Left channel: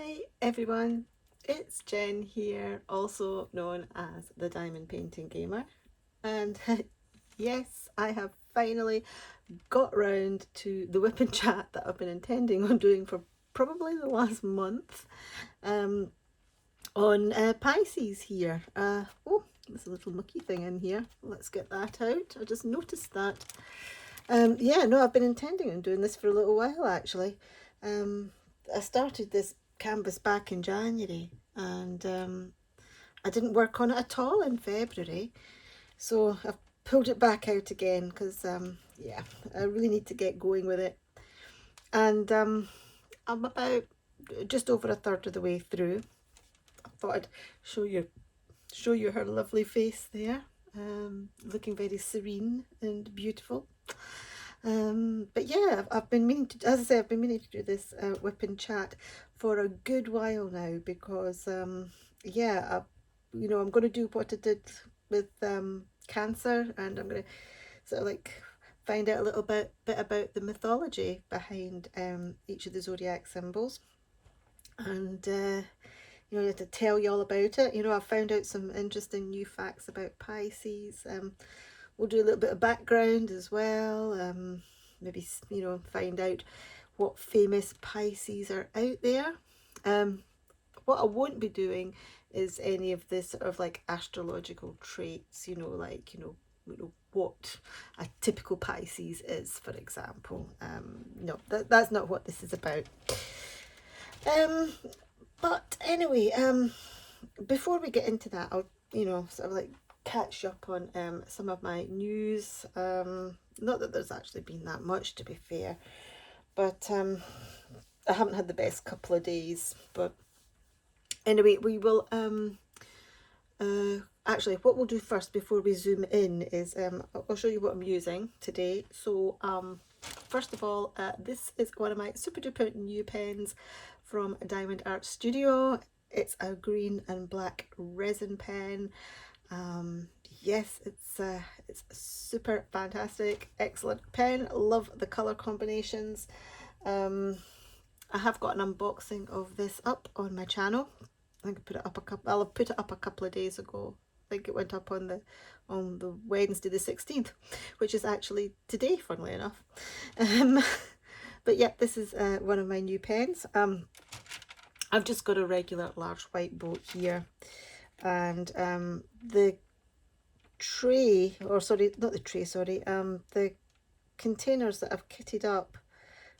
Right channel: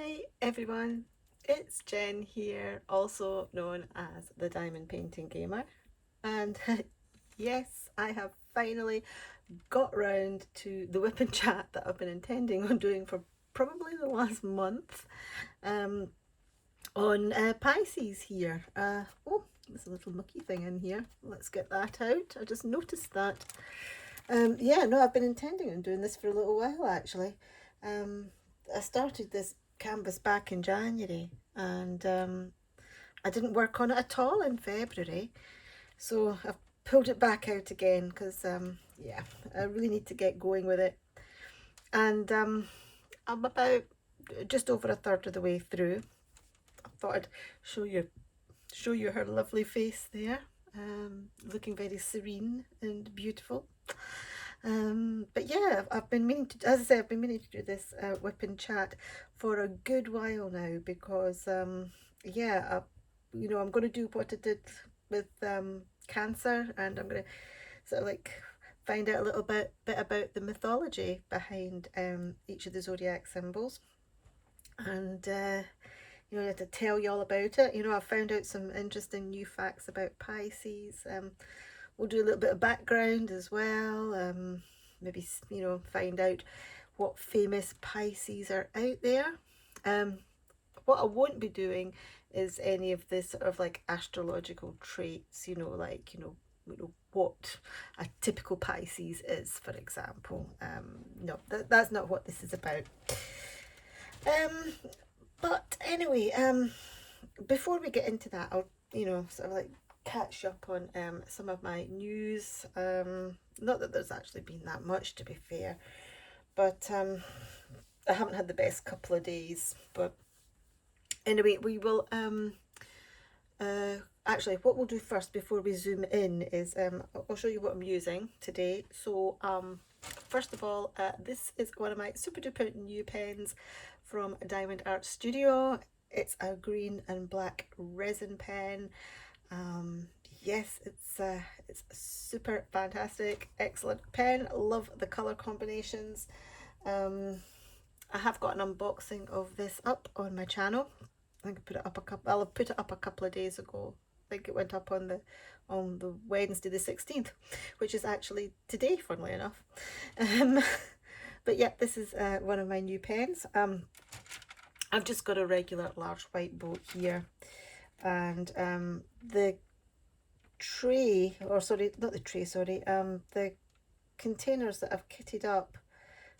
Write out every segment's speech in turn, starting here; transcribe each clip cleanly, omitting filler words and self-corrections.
Hi everyone, it's Jen here, also known as the Diamond Painting Gamer, and yes, I have finally got round to the whip and chat that I've been intending on doing for probably the last month on Pisces here. Oh, there's a little mucky thing in here. Let's get that out. I just noticed that. Yeah, no, I've been intending on doing this for a little while actually. I started this canvas back in January and I didn't work on it at all in February, so I've pulled it back out again because yeah, I really need to get going with it. And I'm about just over a third of the way through. I thought I'd show you her lovely face there, looking very serene and beautiful. But yeah, I've been meaning to, as I say, I've been meaning to do this whip and chat for a good while now because yeah, I'm going to do what I did with Cancer, and I'm going to sort of like find out a little bit about the mythology behind each of the zodiac symbols, and to tell you all about it. I've found out some interesting new facts about Pisces. We'll do a little bit of background as well. Maybe find out what famous Pisces are out there. What I won't be doing is any of this sort of like astrological traits. What a typical Pisces is, for example. No, that's not what this is about. But anyway, before we get into that, I'll sort of like catch up on some of my news. Not that there's actually been that much, to be fair, but I haven't had the best couple of days. But anyway, we will actually, what we'll do first before we zoom in is I'll show you what I'm using today. So first of all, this is one of my super duper new pens from Diamond Art Studio. It's a green and black resin pen. Yes, it's a super fantastic, excellent pen. Love the color combinations. I have got an unboxing of this up on my channel. I think I put it up I'll have put it up a couple of days ago. I think it went up on the Wednesday the 16th, which is actually today, funnily enough. But yeah, this is one of my new pens. I've just got a regular large white boat here, and the tray, or sorry, not the tray, sorry, the containers that I've kitted up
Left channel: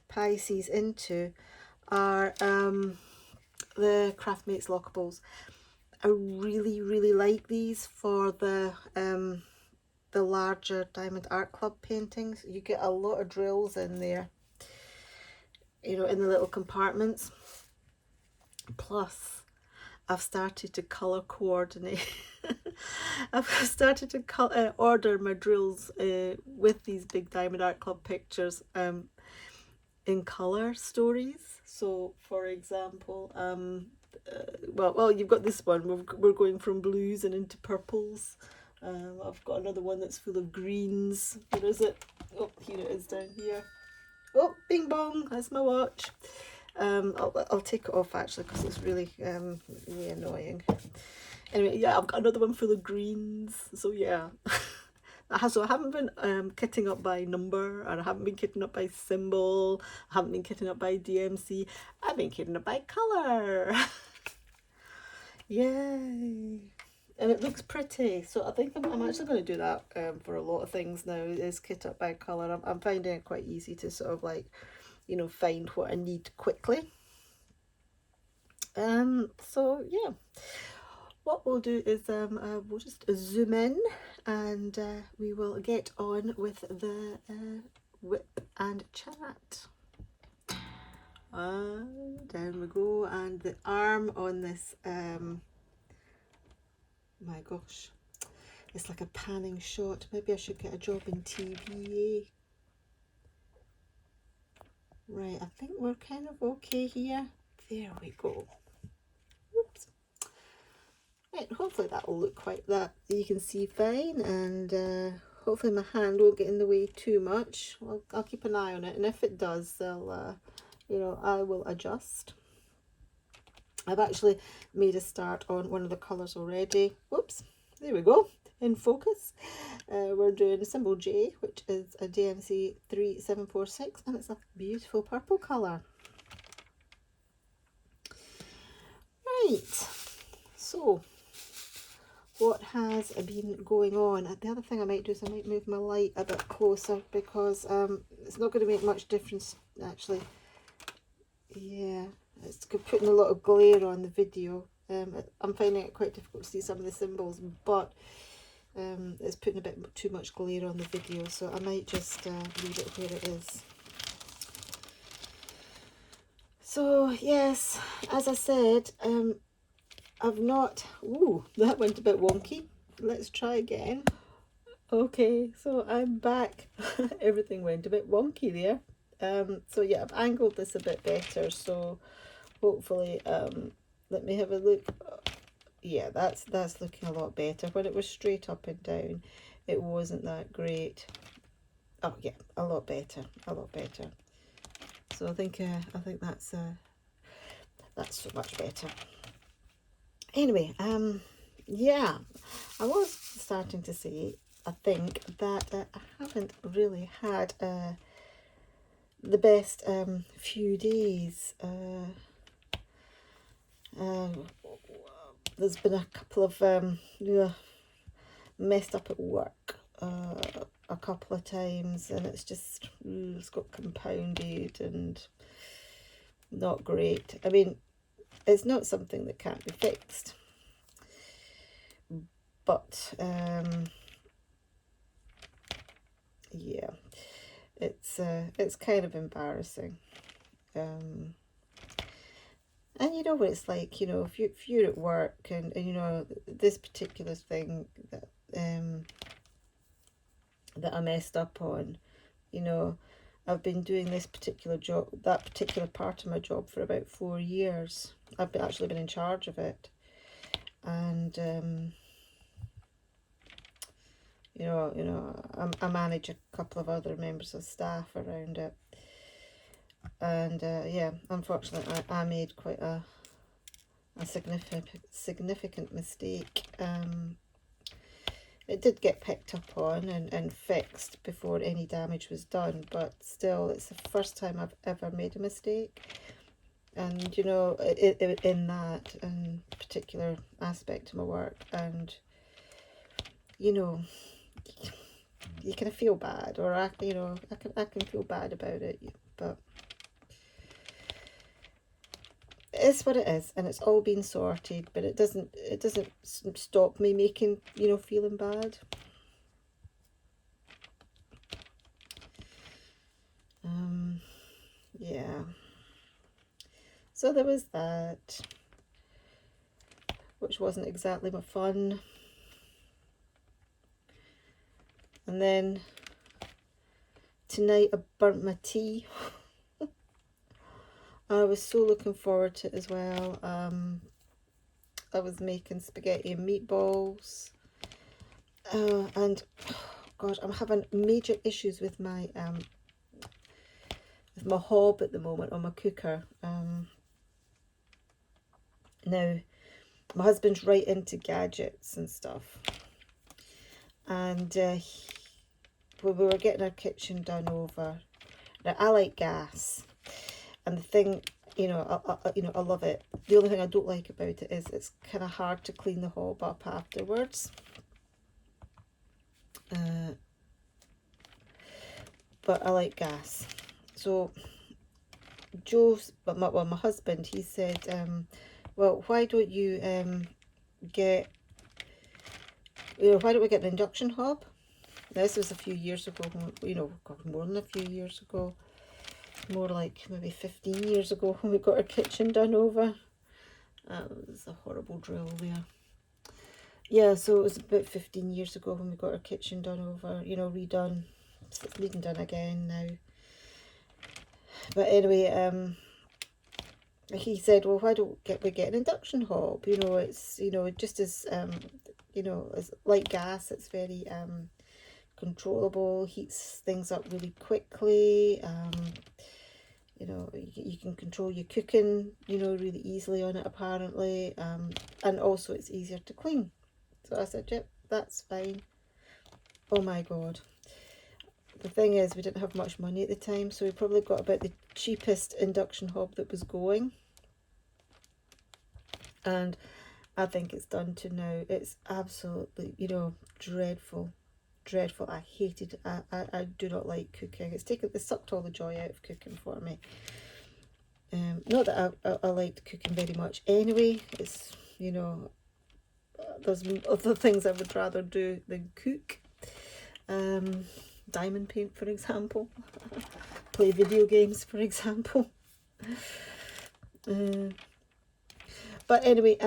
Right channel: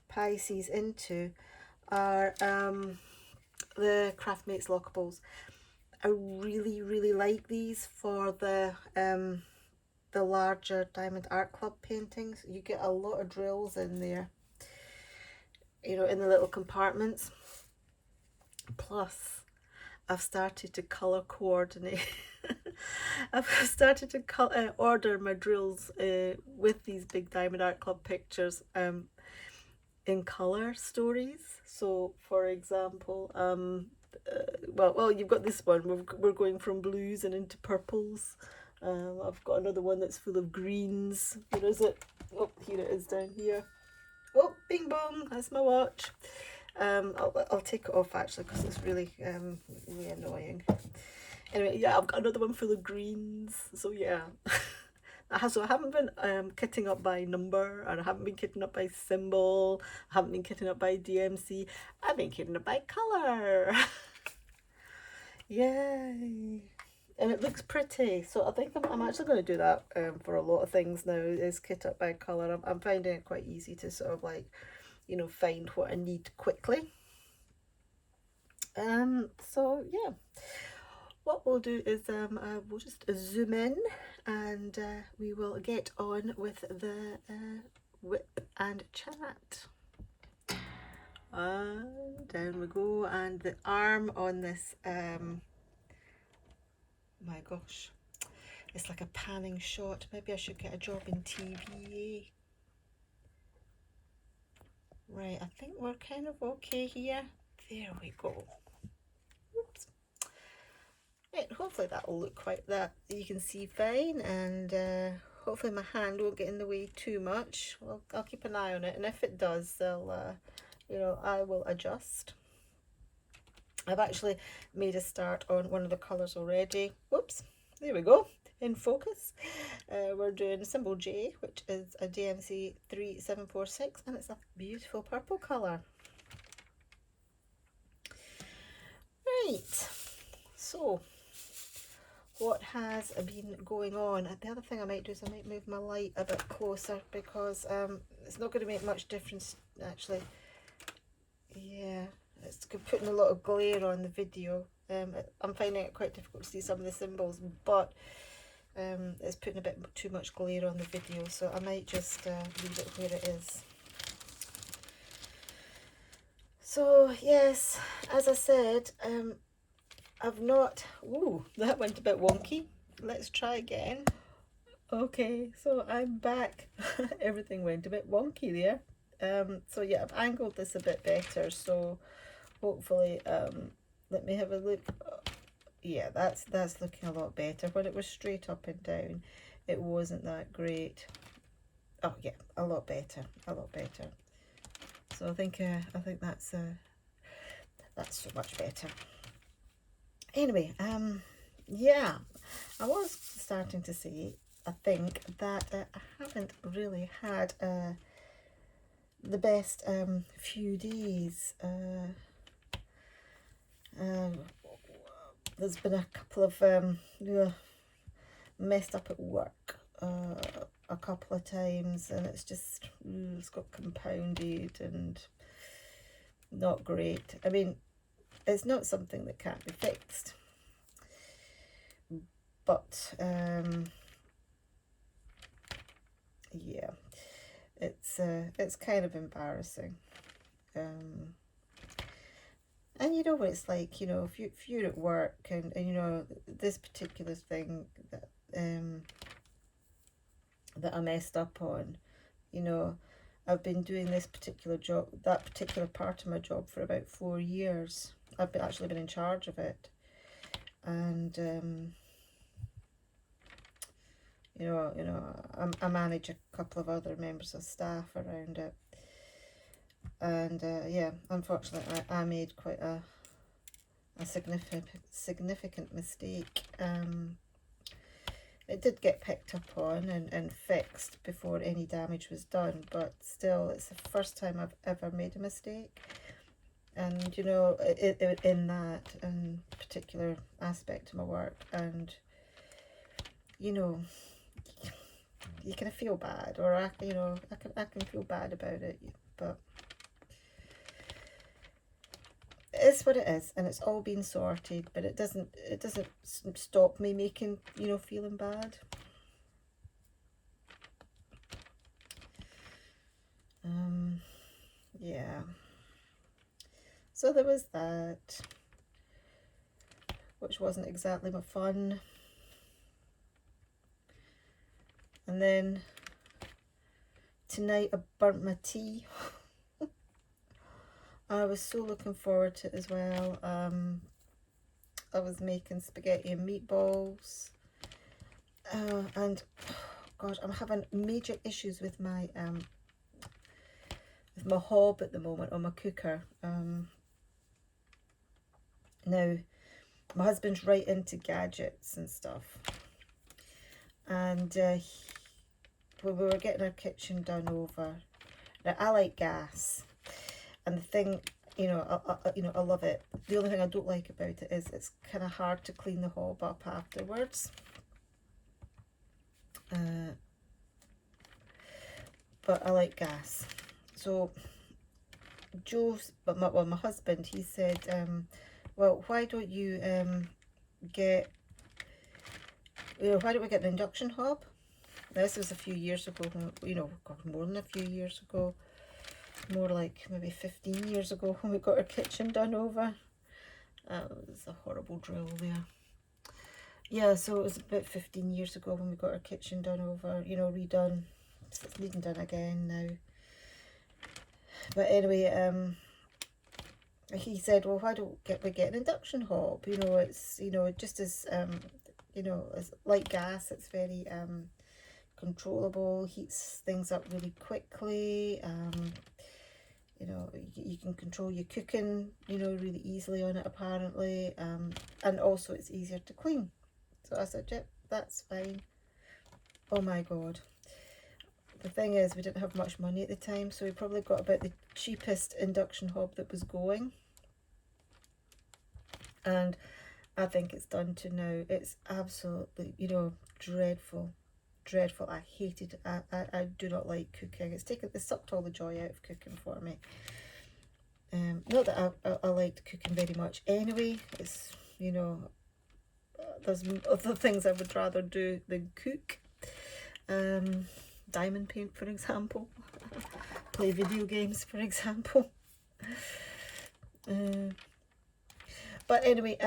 Pisces into are the Craftmates lockables. I really like these for the larger Diamond Art Club paintings. You get a lot of drills in there, in the little compartments. Plus, I've started to colour coordinate. I've started to order my drills with these big Diamond Art Club pictures in colour stories. So, for example, well, you've got this one. We're going from blues and into purples. I've got another one that's full of greens. Where is it? Oh, here it is down here. Oh, bing bong! That's my watch. I'll take it off actually because it's really really annoying. Anyway, yeah, I've got another one full of greens. So yeah. So I haven't been kitting up by number, and I haven't been kitting up by symbol, I haven't been kitting up by DMC, I've been kitting up by colour. Yay! And it looks pretty, so I think I'm actually going to do that for a lot of things now, is kit up by colour. I'm finding it quite easy to sort of like, find what I need quickly. So yeah. What we'll do is we'll just zoom in, and we will get on with the whip and chat. Down we go, and the arm on this, my gosh, it's like a panning shot. Maybe I should get a job in TV. Right, I think we're kind of okay here. There we go. Right, hopefully that will look quite that you can see fine, and hopefully my hand won't get in the way too much. Well, I'll keep an eye on it, and if it does, I will adjust. I've actually made a start on one of the colours already. Whoops, there we go, in focus. We're doing symbol J, which is a DMC 3746, and it's a beautiful purple colour. Right, so what has been going on? The other thing I might do is I might move my light a bit closer, because it's not going to make much difference actually. Yeah, it's putting a lot of glare on the video. I'm finding it quite difficult to see some of the symbols, but it's putting a bit too much glare on the video, so I might just leave it where it is. So yes, as I said, I've not, ooh, that went a bit wonky. Let's try again. Okay, so I'm back. Everything went a bit wonky there. So yeah, I've angled this a bit better, so hopefully, let me have a look. Yeah, that's looking a lot better. When it was straight up and down, it wasn't that great. Oh yeah, a lot better, a lot better. So I think that's so much better. Anyway, yeah, I was starting to say, I think that I haven't really had the best few days. There's been a couple of messed up at work a couple of times, and it's just it's got compounded and not great. I mean, it's not something that can't be fixed, but yeah, it's kind of embarrassing. And you know what it's like, you know, if you're at work and you know this particular thing that that I messed up on, you know, I've been doing this particular job, that particular part of my job for about 4 years. I've actually been in charge of it, and you know, I manage a couple of other members of staff around it, and yeah, unfortunately, I made quite a significant mistake. It did get picked up on and fixed before any damage was done, but still, it's the first time I've ever made a mistake. And you know, in that particular aspect of my work, and you know, you kind of feel bad, or I can feel bad about it, but it's what it is, and it's all been sorted. But it doesn't stop me making, you know, feeling bad. Yeah. So there was that, which wasn't exactly my fun. And then tonight I burnt my tea. I was so looking forward to it as well. I was making spaghetti and meatballs. And God, I'm having major issues with my hob at the moment on my cooker. Now my husband's right into gadgets and stuff, and when we were getting our kitchen done over, now I like gas, and the thing, you know, I love it. The only thing I don't like about it is it's kind of hard to clean the hob up afterwards. But I like gas. So my husband, he said, well, why don't you get, you know, why don't we get an induction hob? Now, this was a few years ago, you know, God, more than a few years ago, more like maybe 15 years ago when we got our kitchen done over. It was a horrible drill there. Yeah, so it was about 15 years ago when we got our kitchen done over, you know, redone. So it's needing done again now. But anyway, he said, well, why don't we get an induction hob? You know, it's, you know, just as, you know, as like gas, it's very controllable, heats things up really quickly. you know, you can control your cooking, you know, really easily on it apparently, and also it's easier to clean. So I said, yep, that's fine. Oh my god. The thing is, we didn't have much money at the time, so we probably got about the cheapest induction hob that was going. And I think it's done to now. It's absolutely, you know, dreadful. Dreadful. I hated it. I do not like cooking. It's sucked all the joy out of cooking for me. Not that I liked cooking very much anyway. It's, you know, there's other things I would rather do than cook. Diamond paint, for example. Play video games, for example. But anyway,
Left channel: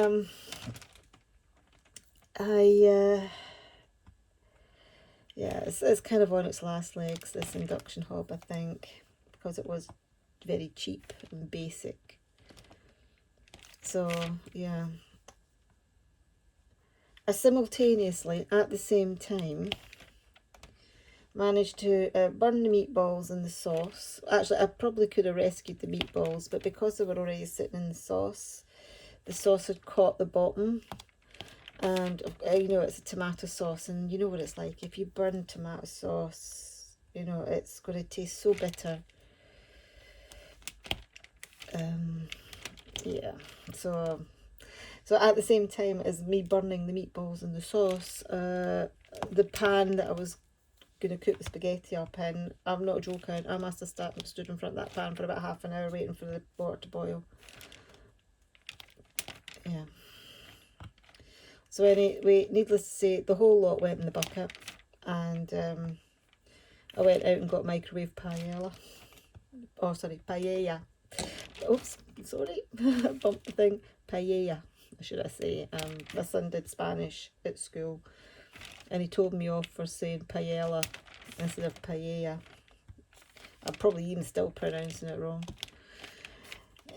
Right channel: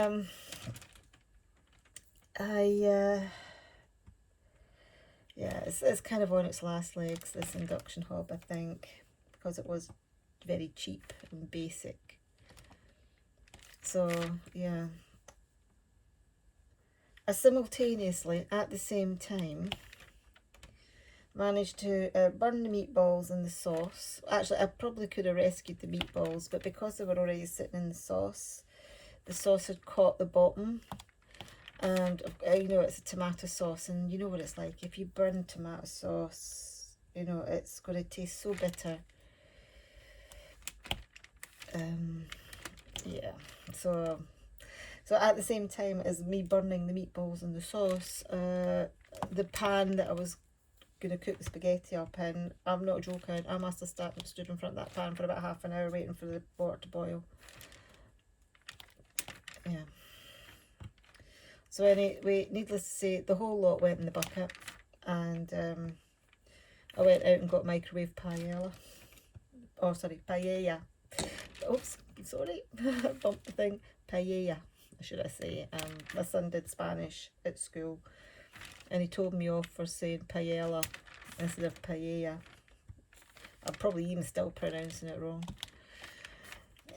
yeah, it's kind of on its last legs, this induction hob, I think, because it was very cheap and basic. So yeah, I simultaneously at the same time managed to burn the meatballs in the sauce. Actually, I probably could have rescued the meatballs, but because they were already sitting in the sauce had caught the bottom. And you know, it's a tomato sauce, and you know what it's like. If you burn tomato sauce, you know, it's going to taste so bitter. Yeah, so at the same time as me burning the meatballs in the sauce, the pan that I was going to cook the spaghetti up in, I'm not joking, I must have stood in front of that pan for about half an hour waiting for the water to boil. Yeah. So anyway, needless to say, the whole lot went in the bucket, and I went out and got microwave paella. Oh, sorry, paella. Oops, sorry, I bumped the thing. Paella, should I say. My son did Spanish at school, and he told me off for saying paella instead of paella. I'm probably even still pronouncing it wrong.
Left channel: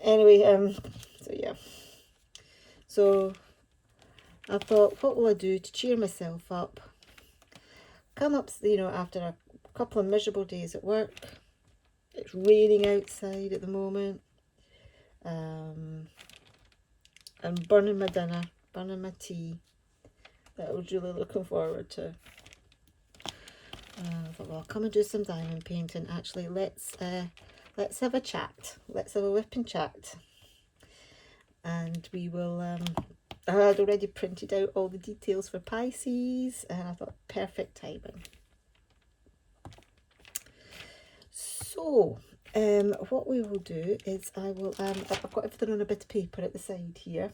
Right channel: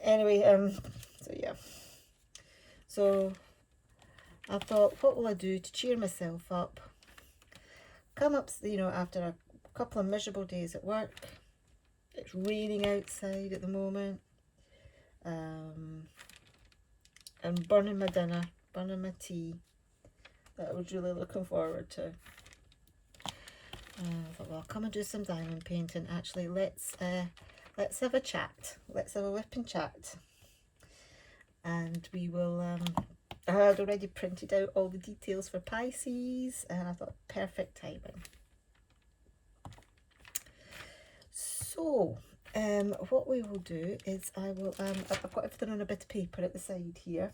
Anyway, so yeah. So I thought, what will I do to cheer myself up? Come up, you know, after a couple of miserable days at work. It's raining outside at the moment. I'm burning my dinner, burning my tea that I was really looking forward to. I thought, well, I'll come and do some diamond painting. Actually, let's have a chat. Let's have a WIP and chat. And we will, I had already printed out all the details for Pisces, and I thought, perfect timing. So, what we will do is I will, I've got everything on a bit of paper at the side here.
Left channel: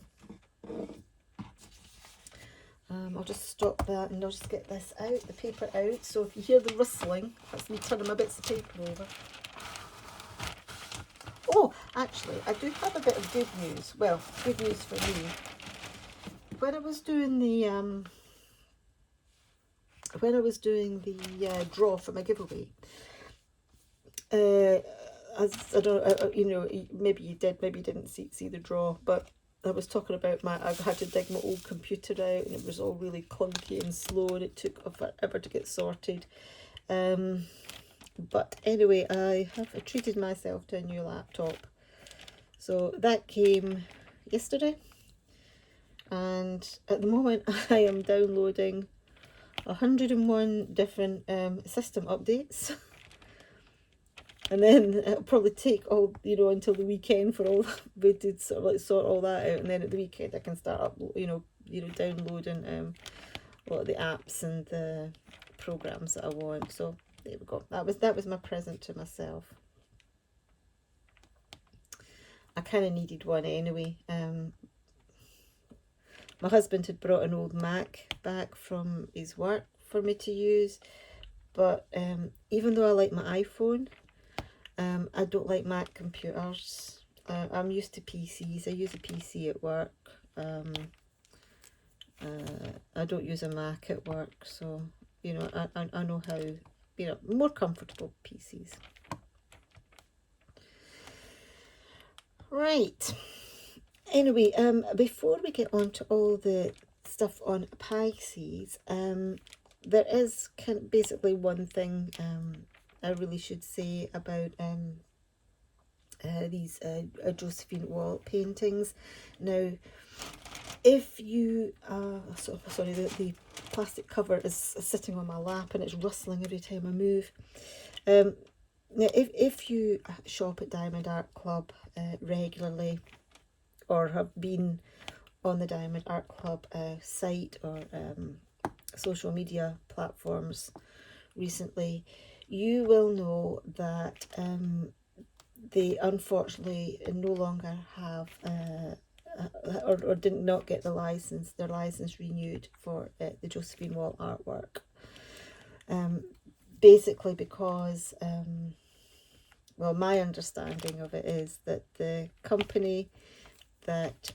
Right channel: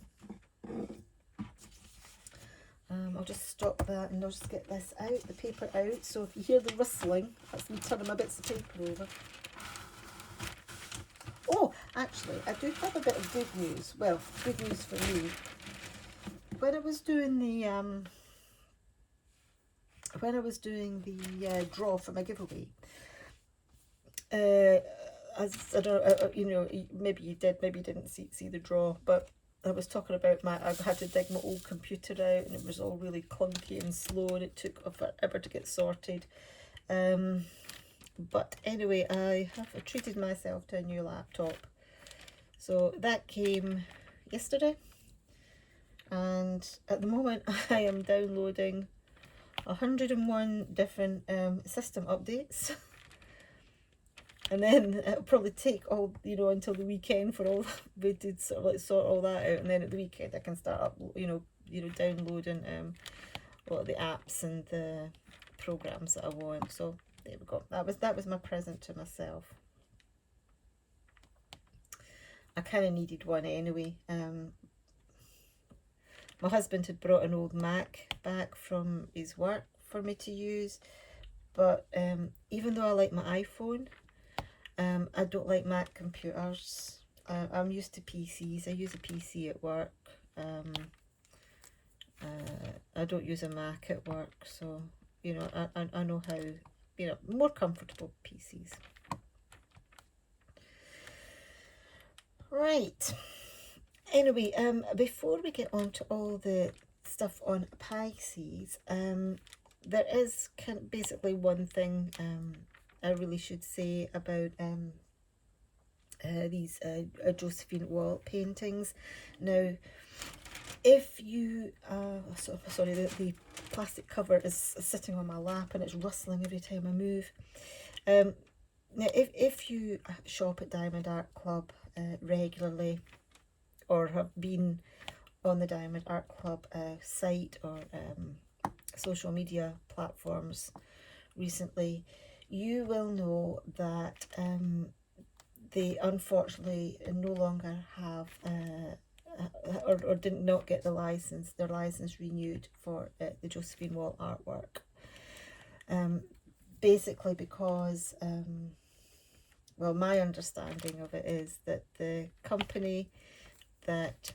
I'll just stop that and I'll just get this out, the paper out. So if you hear the rustling, that's me turning my bits of paper over. Oh, actually, I do have a bit of good news. Well, good news for me. When I was doing the draw for my giveaway, I don't know, you know, maybe you did, maybe you didn't see the draw, but I was talking about I had to dig my old computer out, and it was all really clunky and slow, and it took forever to get sorted. But anyway, I have treated myself to a new laptop. So that came yesterday, and at the moment I am downloading 101 different system updates. And then it'll probably take all, you know, until the weekend for all we did sort of like sort all that out, and then at the weekend I can start up, you know, downloading a lot of the apps and the programs that I want. So there we go. That was my present to myself. I kind of needed one anyway. My husband had brought an old Mac back from his work for me to use, but even though I like my iPhone, I don't like Mac computers. I'm used to PCs. I use a PC at work. I don't use a Mac at work, so you know, I know how, you know, more comfortable PCs. Right. Anyway, before we get on to all the stuff on Pisces, there is basically one thing I really should say about these Josephine Wall paintings. Now, if you, sorry, the plastic cover is sitting on my lap and it's rustling every time I move. Now, if you shop at Diamond Art Club regularly, or have been on the Diamond Art Club site or social media platforms recently, you will know that they unfortunately no longer have or did not get their license renewed for the Josephine Wall artwork. Basically because, well, my understanding of it is that the company that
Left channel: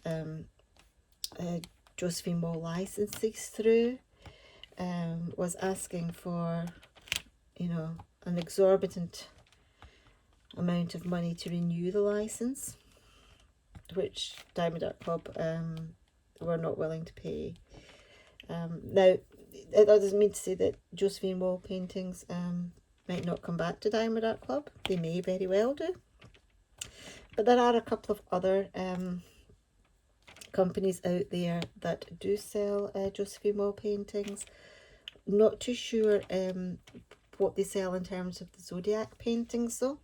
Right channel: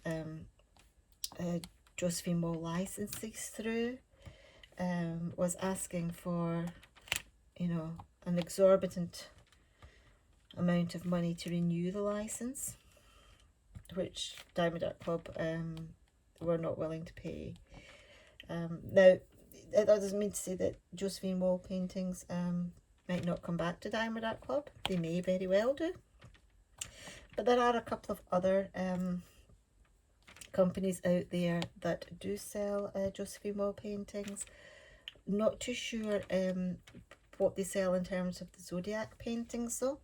Josephine Wall licenses through was asking for, you know, an exorbitant amount of money to renew the license, which Diamond Art Club were not willing to pay. Now, that doesn't mean to say that Josephine Wall paintings might not come back to Diamond Art Club. They may very well do. But there are a couple of other companies out there that do sell Josephine Wall paintings. Not too sure what they sell in terms of the Zodiac paintings though.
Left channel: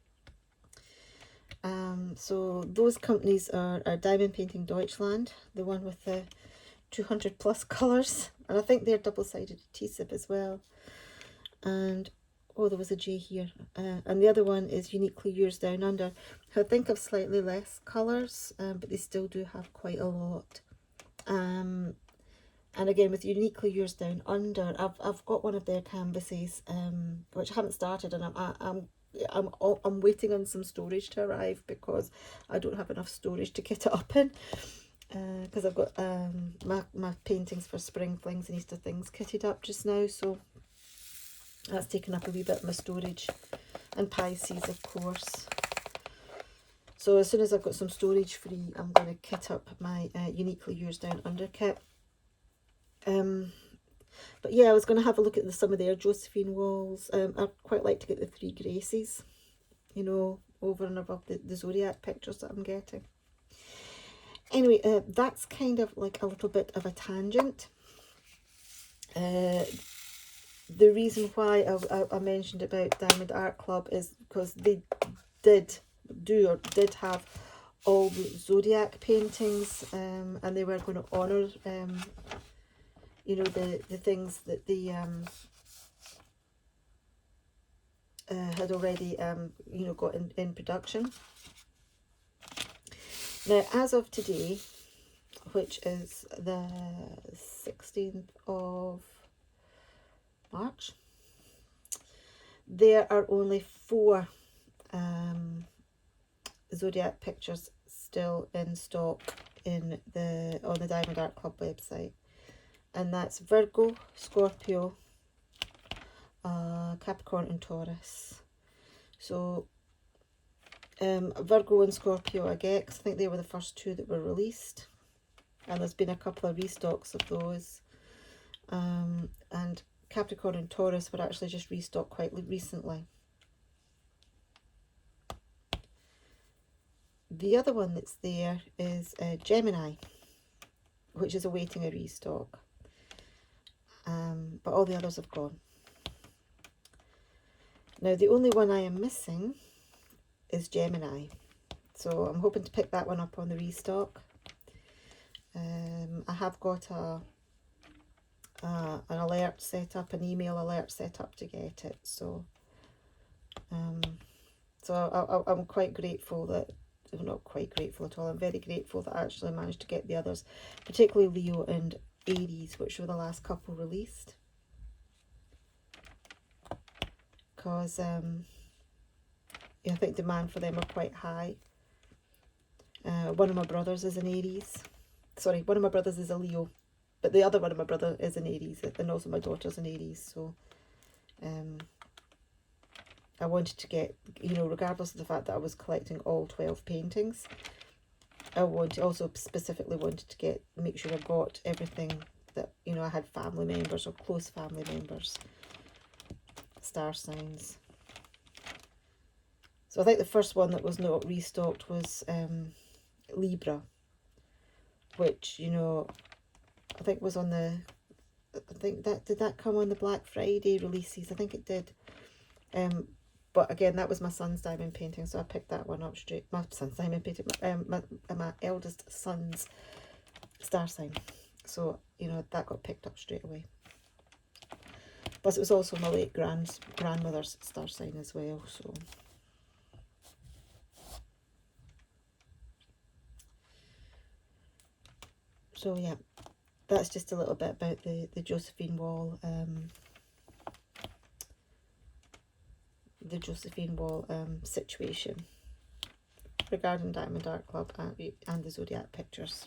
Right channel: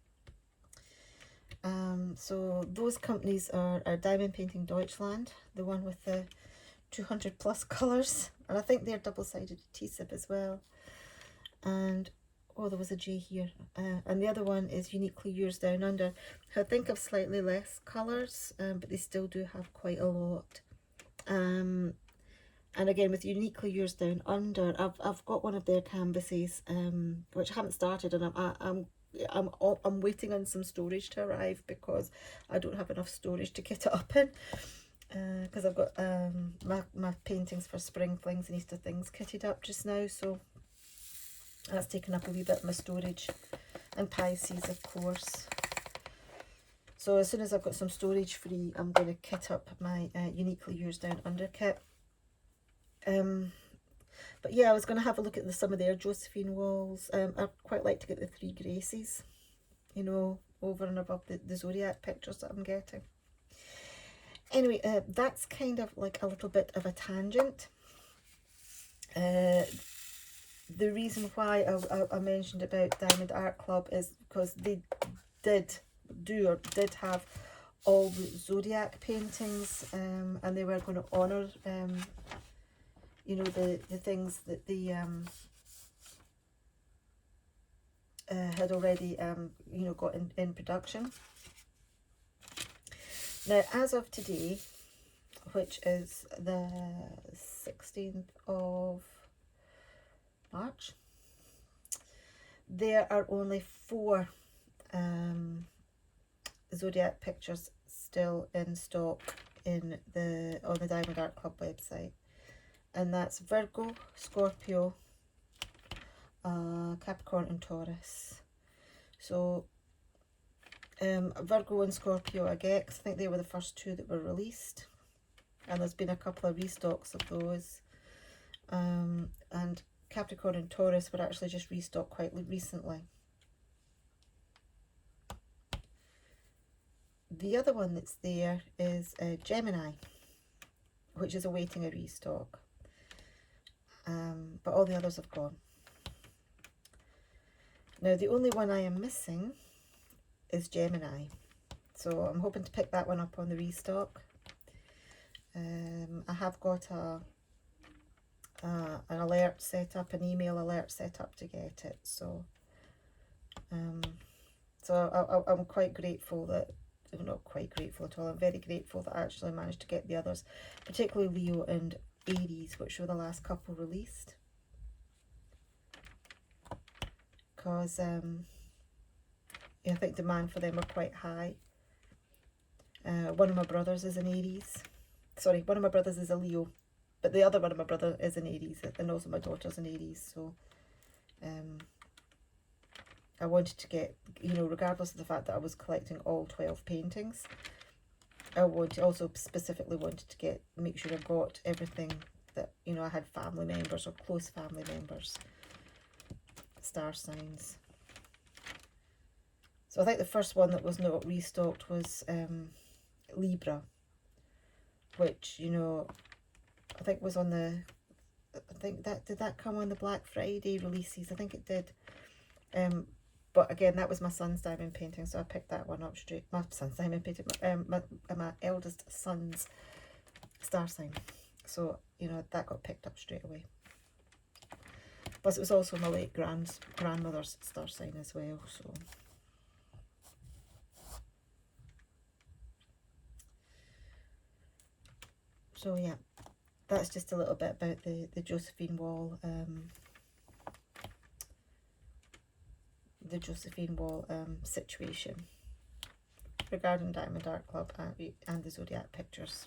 So those companies are Diamond Painting Deutschland, the one with the 200 plus colours, and I think they're double-sided adhesive as well. And oh, there was a J here. And the other one is Uniquely Yours Down Under, who I think have slightly less colours, but they still do have quite a lot. And again, with Uniquely Yours Down Under, I've got one of their canvases, which I haven't started, and I'm waiting on some storage to arrive because I don't have enough storage to get it up in. Because I've got my paintings for Spring Flings and Easter Things kitted up just now, so that's taken up a wee bit of my storage. And Pisces, of course. So as soon as I've got some storage free, I'm going to kit up my Uniquely Yours Down Under kit. But yeah, I was going to have a look at some of their Josephine Walls. I'd quite like to get the 3 Gracies, you know, over and above the Zodiac pictures that I'm getting. Anyway, that's kind of like a little bit of a tangent. The reason why I mentioned about Diamond Art Club is because they did have all the Zodiac paintings, and they were going to honour, you know, the things that they had already, you know, got in production. Now, as of today, which is the 16th of March, there are only 4 Zodiac pictures still in stock on the Diamond Art Club website, and that's Virgo, Scorpio, Capricorn and Taurus. So Virgo and Scorpio I get, 'cause I think they were the first 2 that were released, and there's been a couple of restocks of those. And Capricorn and Taurus were actually just restocked quite recently. The other one that's there is Gemini, which is awaiting a restock. But all the others have gone. Now, the only one I am missing is Gemini. So I'm hoping to pick that one up on the restock. I have got an alert set up, an email alert set up to get it. So I'm quite grateful that, well, not quite grateful at all, I'm very grateful that I actually managed to get the others, particularly Leo and Aries, which were the last couple released. Because I think demand for them are quite high. One of my brothers is an Aries. Sorry, one of my brothers is a Leo, but the other one of my brother is an Aries, and also my daughter's an Aries. So I wanted to get, you know, regardless of the fact that I was collecting all 12 paintings, I also specifically wanted to make sure I got everything that, you know, I had family members or close family members, star signs. So I think the first one that was not restocked was Libra, which, you know, I think was on the, I think that, did that come on the Black Friday releases? I think it did. But again, that was my son's diamond painting, so I picked that one up straight. My son's diamond painting, my eldest son's star sign. So, you know, that got picked up straight away. Plus, it was also my late grandmother's star sign as well, so. So, yeah, that's just a little bit about the Josephine Wall, situation regarding Diamond Art Club and the Zodiac pictures.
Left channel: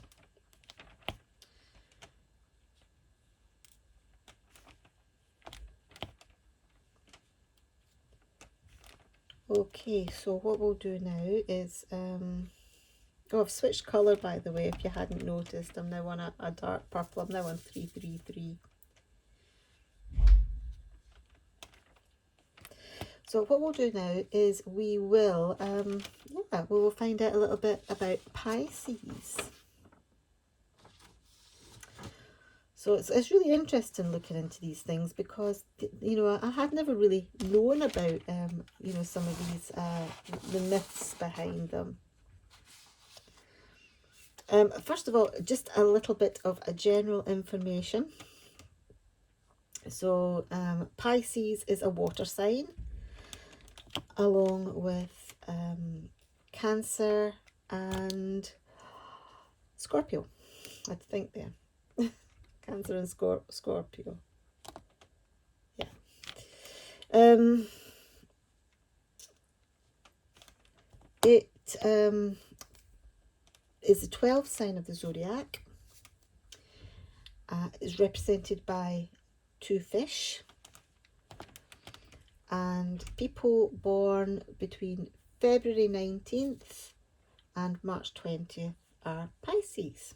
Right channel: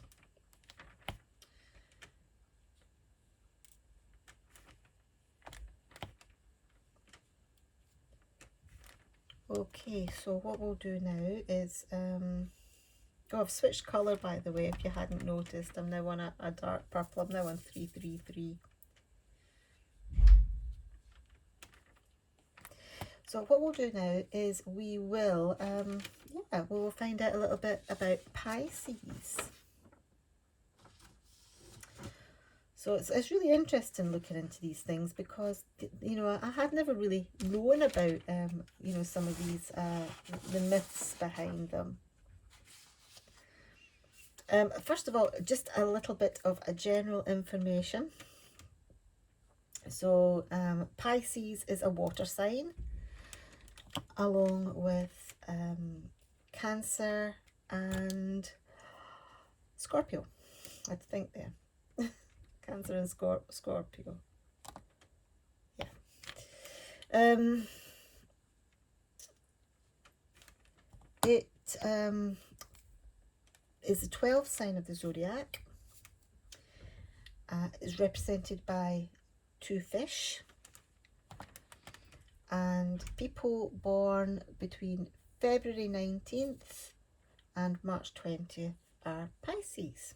Okay, so what we'll do now is, oh, I've switched colour, by the way, if you hadn't noticed. I'm now on a dark purple. I'm now on 333. So what we'll do now is we will, we will find out a little bit about Pisces. So it's really interesting looking into these things because, you know, I had never really known about, you know, some of these, the myths behind them. First of all, just a little bit of a general information. So Pisces is a water sign, along with Cancer and Scorpio. I think there. Cancer and Scorpio. Yeah. It is the 12th sign of the zodiac. Is represented by 2 fish. And people born between February 19th and March 20th are Pisces.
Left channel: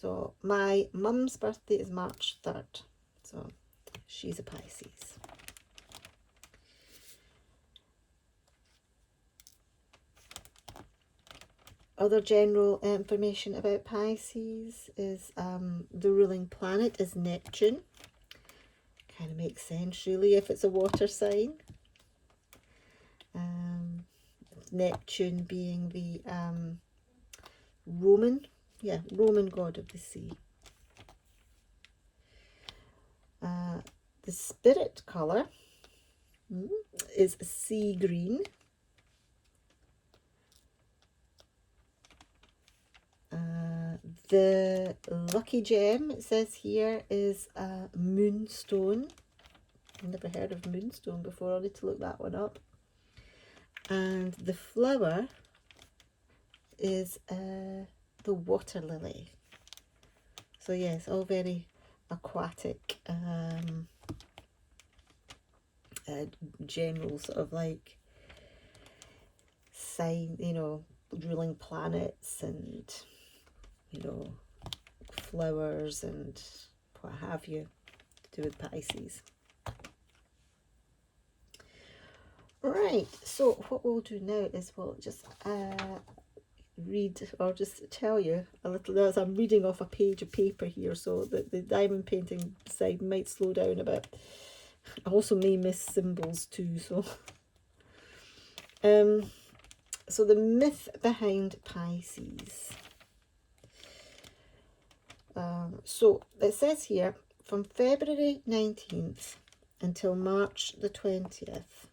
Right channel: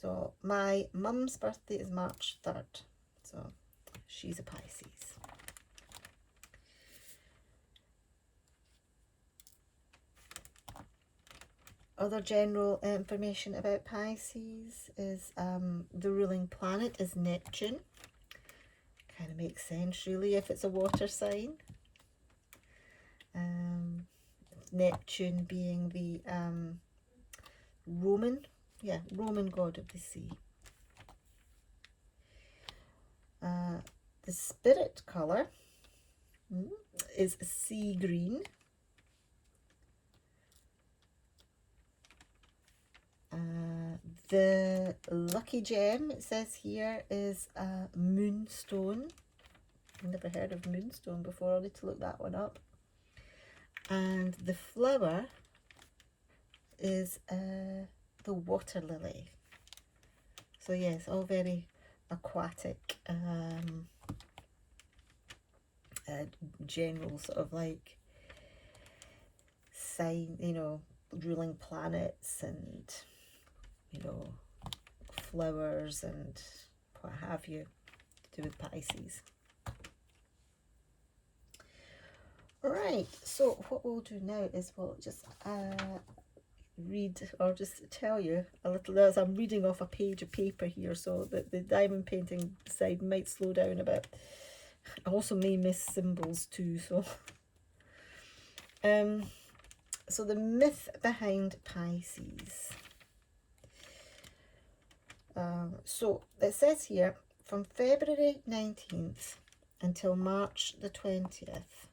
So my mum's birthday is March 3rd, so she's a Pisces. Other general information about Pisces is the ruling planet is Neptune. Kind of makes sense, really, if it's a water sign. Neptune being the Roman god of the sea. The spirit colour is sea green. The lucky gem, it says here, is moonstone. I've never heard of moonstone before. I'll need to look that one up. And the flower is the water lily. So yes, all very aquatic, general sort of like sign, you know, ruling planets and, you know, flowers and what have you to do with Pisces. Right, so what we'll do now is we'll just read or just tell you a little, as I'm reading off a page of paper here, so that the diamond painting side might slow down a bit. I also may miss symbols too, so so the myth behind Pisces. So it says here, from February 19th until March the 20th,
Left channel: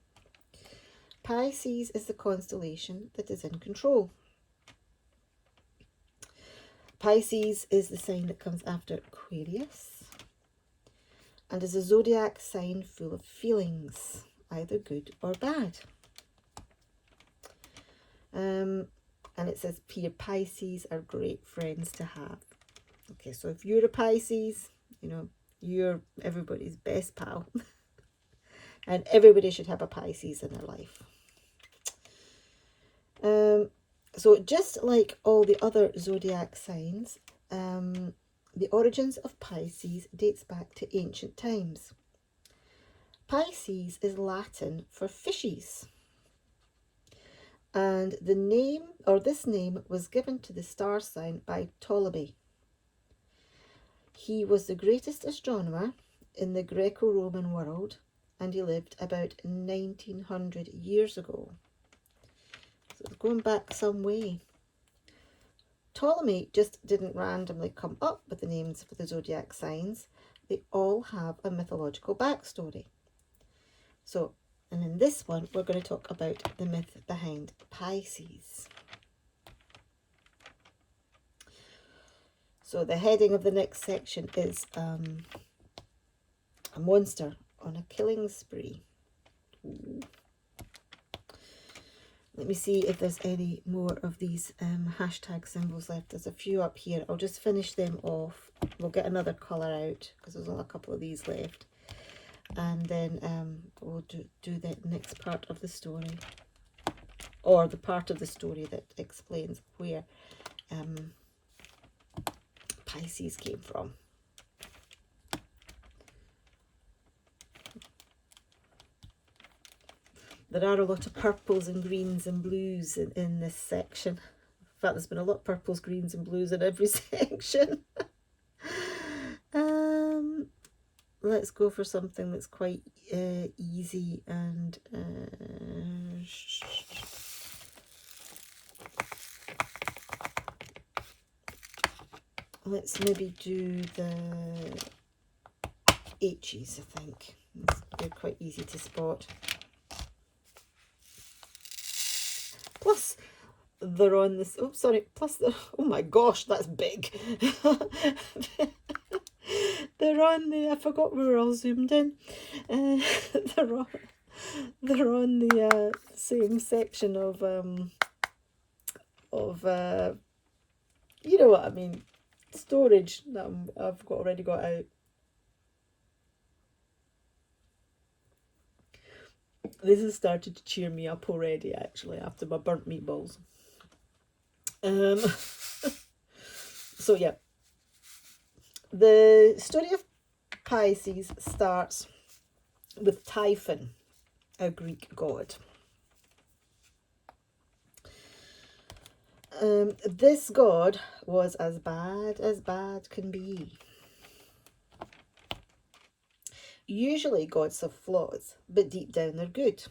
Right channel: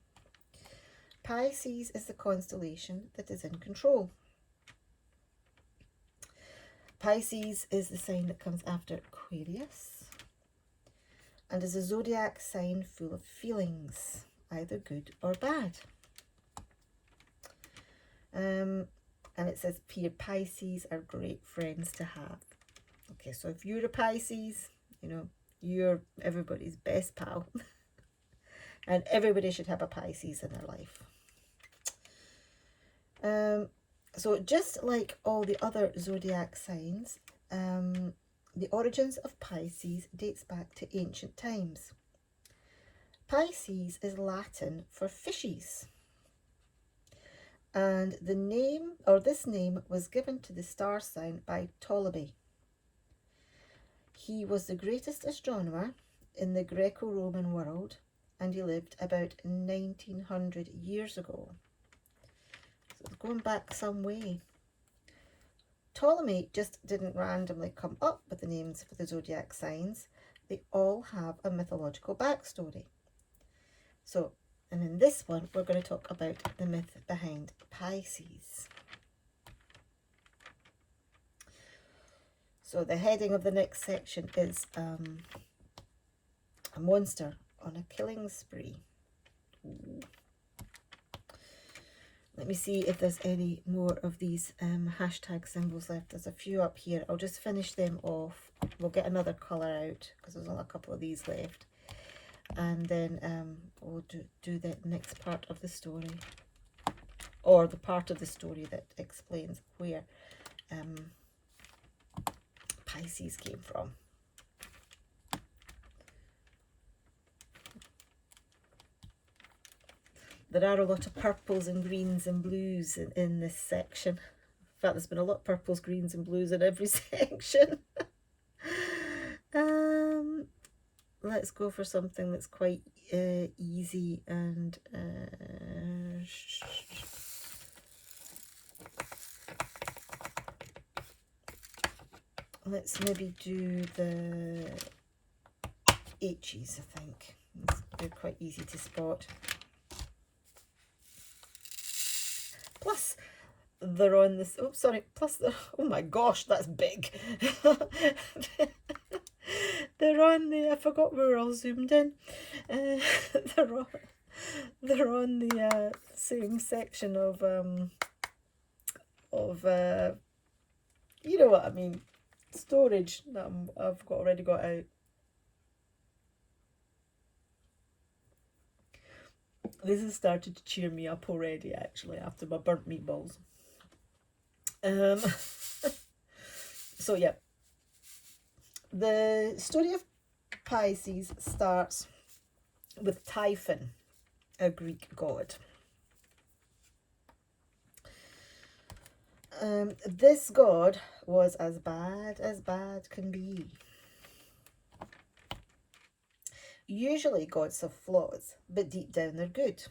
Pisces is the constellation that is in control. Pisces is the sign that comes after Aquarius and is a zodiac sign full of feelings, either good or bad. And it says pure Pisces are great friends to have. Okay, so if you're a Pisces, you know, you're everybody's best pal. And everybody should have a Pisces in their life. So just like all the other zodiac signs, the origins of Pisces dates back to ancient times. Pisces is Latin for fishes. And the name, or this name, was given to the star sign by Ptolemy. He was the greatest astronomer in the Greco-Roman world, and he lived about 1900 years ago. So it's going back some way. Ptolemy just didn't randomly come up with the names for the zodiac signs. They all have a mythological backstory. So, and in this one, we're going to talk about the myth behind Pisces. So the heading of the next section is a monster on a killing spree. Ooh. Let me see if there's any more of these hashtag symbols left. There's a few up here. I'll just finish them off. We'll get another colour out because there's only a couple of these left. And then we'll do the next part of the story. Or the part of the story that explains where Pisces came from. There are a lot of purples and greens and blues in this section. In fact, there's been a lot of purples, greens and blues in every section. Let's go for something that's quite easy and let's maybe do the H's, I think. They're quite easy to spot. Plus, they're on this, oh, sorry, plus, oh my gosh, that's big. They're on the, I forgot we were all zoomed in. They're on the same section of you know what I mean, storage that I've already got out. This has started to cheer me up already, actually, after my burnt meatballs. So yeah, the story of Pisces starts with Typhon, a Greek god. This god was as bad can be. Usually gods have flaws, but deep down they're good.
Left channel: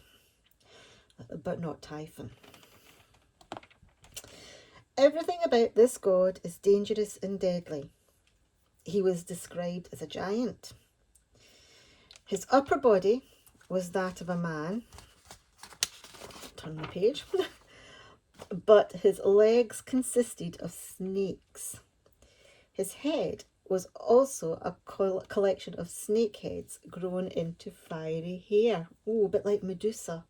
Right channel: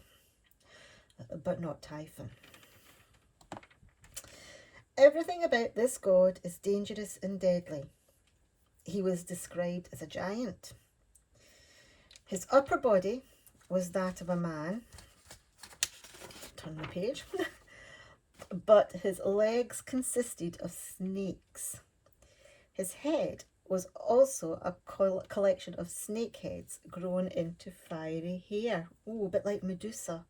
But not Typhon. Everything about this god is dangerous and deadly. He was described as a giant. His upper body was that of a man. Turn the page. But his legs consisted of snakes. His head was also a collection of snake heads grown into fiery hair. Oh, a bit like Medusa.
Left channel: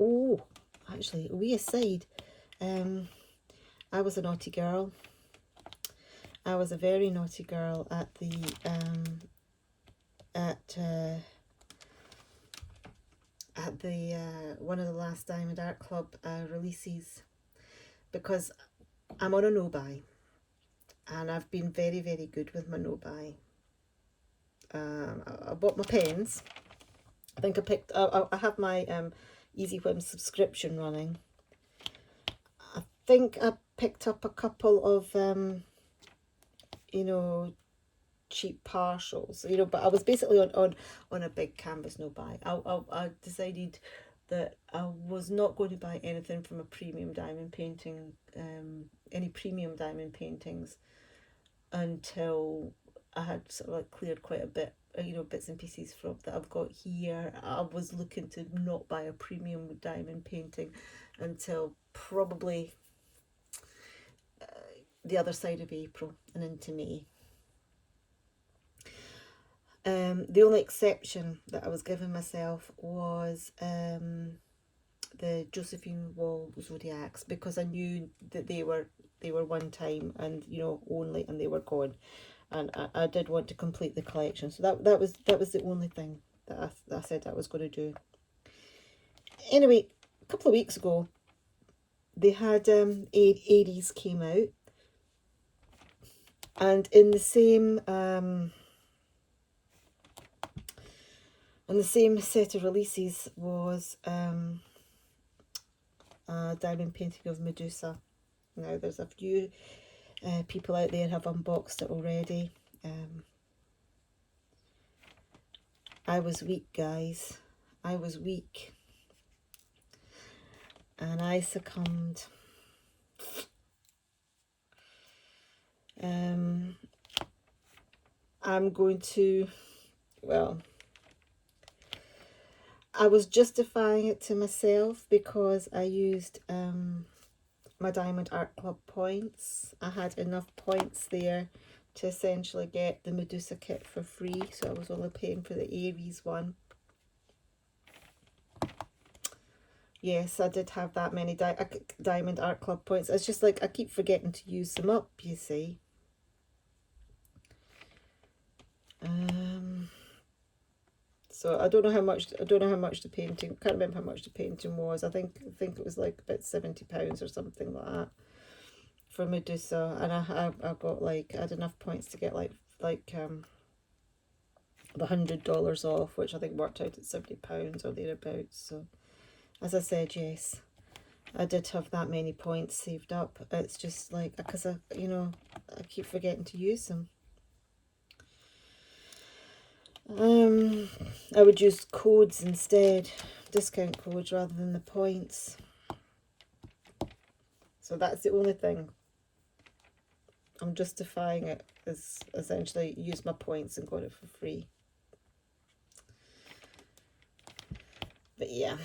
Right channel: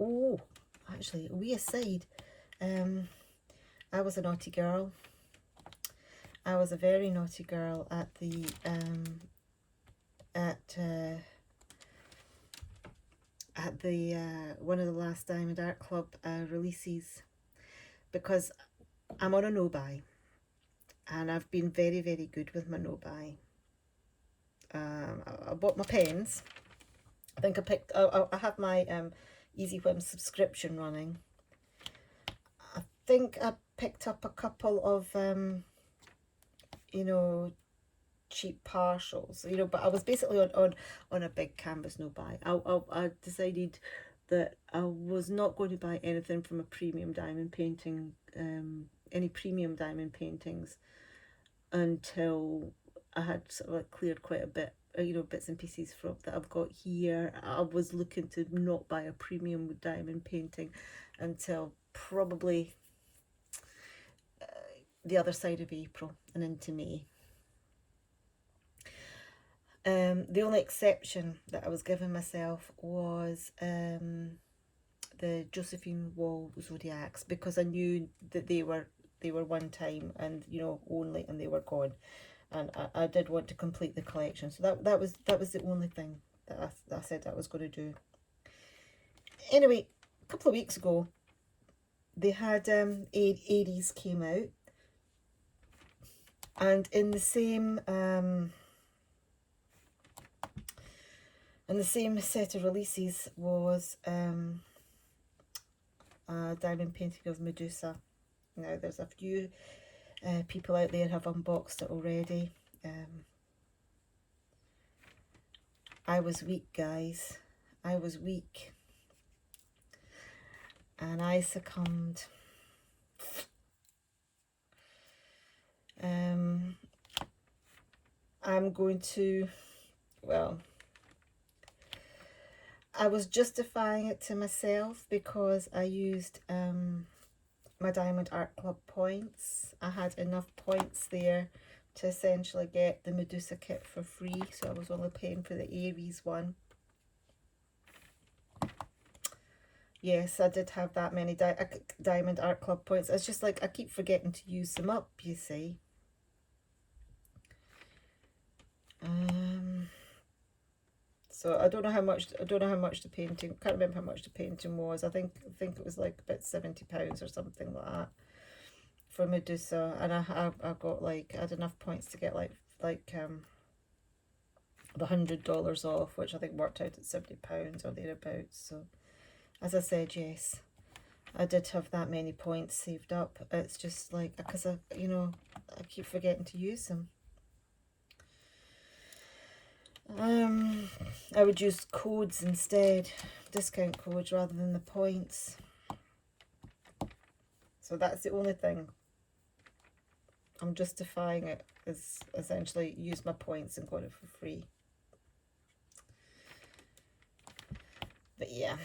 Oh, actually, a wee aside. I was a naughty girl. I was a very naughty girl at the one of the last Diamond Art Club releases, because I'm on a no-buy, and I've been very, very good with my no-buy. I bought my pens. I think I have my Easy Whim subscription running. I think I picked up a couple of you know, cheap partials, you know, but I was basically on a big canvas no buy. I decided that I was not going to buy anything from a premium diamond painting, any premium diamond paintings, until I had sort of like cleared quite a bit, you know, bits and pieces from that I've got here. I was looking to not buy a premium diamond painting until probably the other side of April and into May. The only exception that I was giving myself was the Josephine Wall Zodiacs, because I knew that they were one time and, you know, only, and they were gone, and I did want to complete the collection. So that was the only thing that I said I was going to do. Anyway, a couple of weeks ago, they had Aries came out, and in the same set of releases was a diamond painting of Medusa. Now, there's a few people out there have unboxed it already. I was weak, guys. I was weak. And I succumbed. I'm going to, well, I was justifying it to myself because I used my Diamond Art Club points. I had enough points there to essentially get the Medusa kit for free, so I was only paying for the Aries one. Yes, I did have that many Diamond Art Club points. It's just like I keep forgetting to use them up, you see. So I don't know how much the painting, can't remember how much the painting was. I think it was like about £70 or something like that for Medusa, and I got like, I had enough points to get like the $100 off, which I think worked out at £70 or thereabouts. So as I said, yes, I did have that many points saved up. It's just like, because I keep forgetting to use them. I would use codes instead, discount codes rather than the points. So that's the only thing. I'm justifying it as essentially use my points and got it for free. But yeah.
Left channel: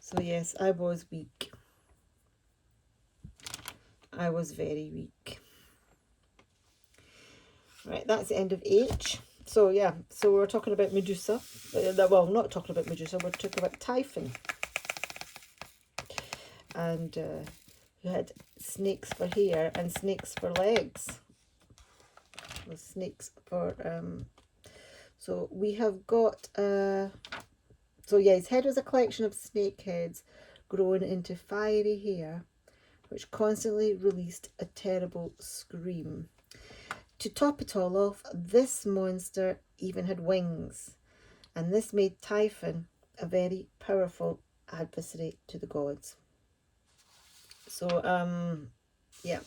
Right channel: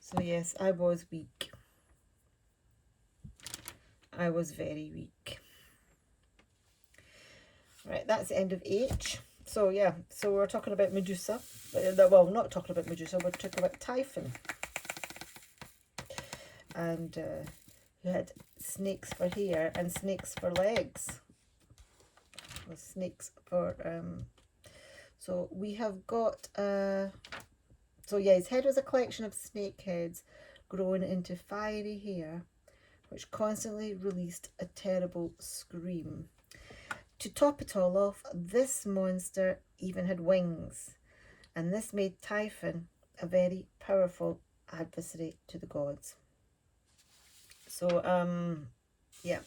So yes, I was weak. I was very weak. Right, that's the end of H. So yeah, so we're talking about Medusa. Well, not talking about Medusa, we're talking about Typhon. And who had snakes for hair and snakes for legs. With snakes for so we have got so yeah, his head was a collection of snake heads grown into fiery hair, which constantly released a terrible scream. To top it all off, this monster even had wings, and this made Typhon a very powerful adversary to the gods. So, yeah,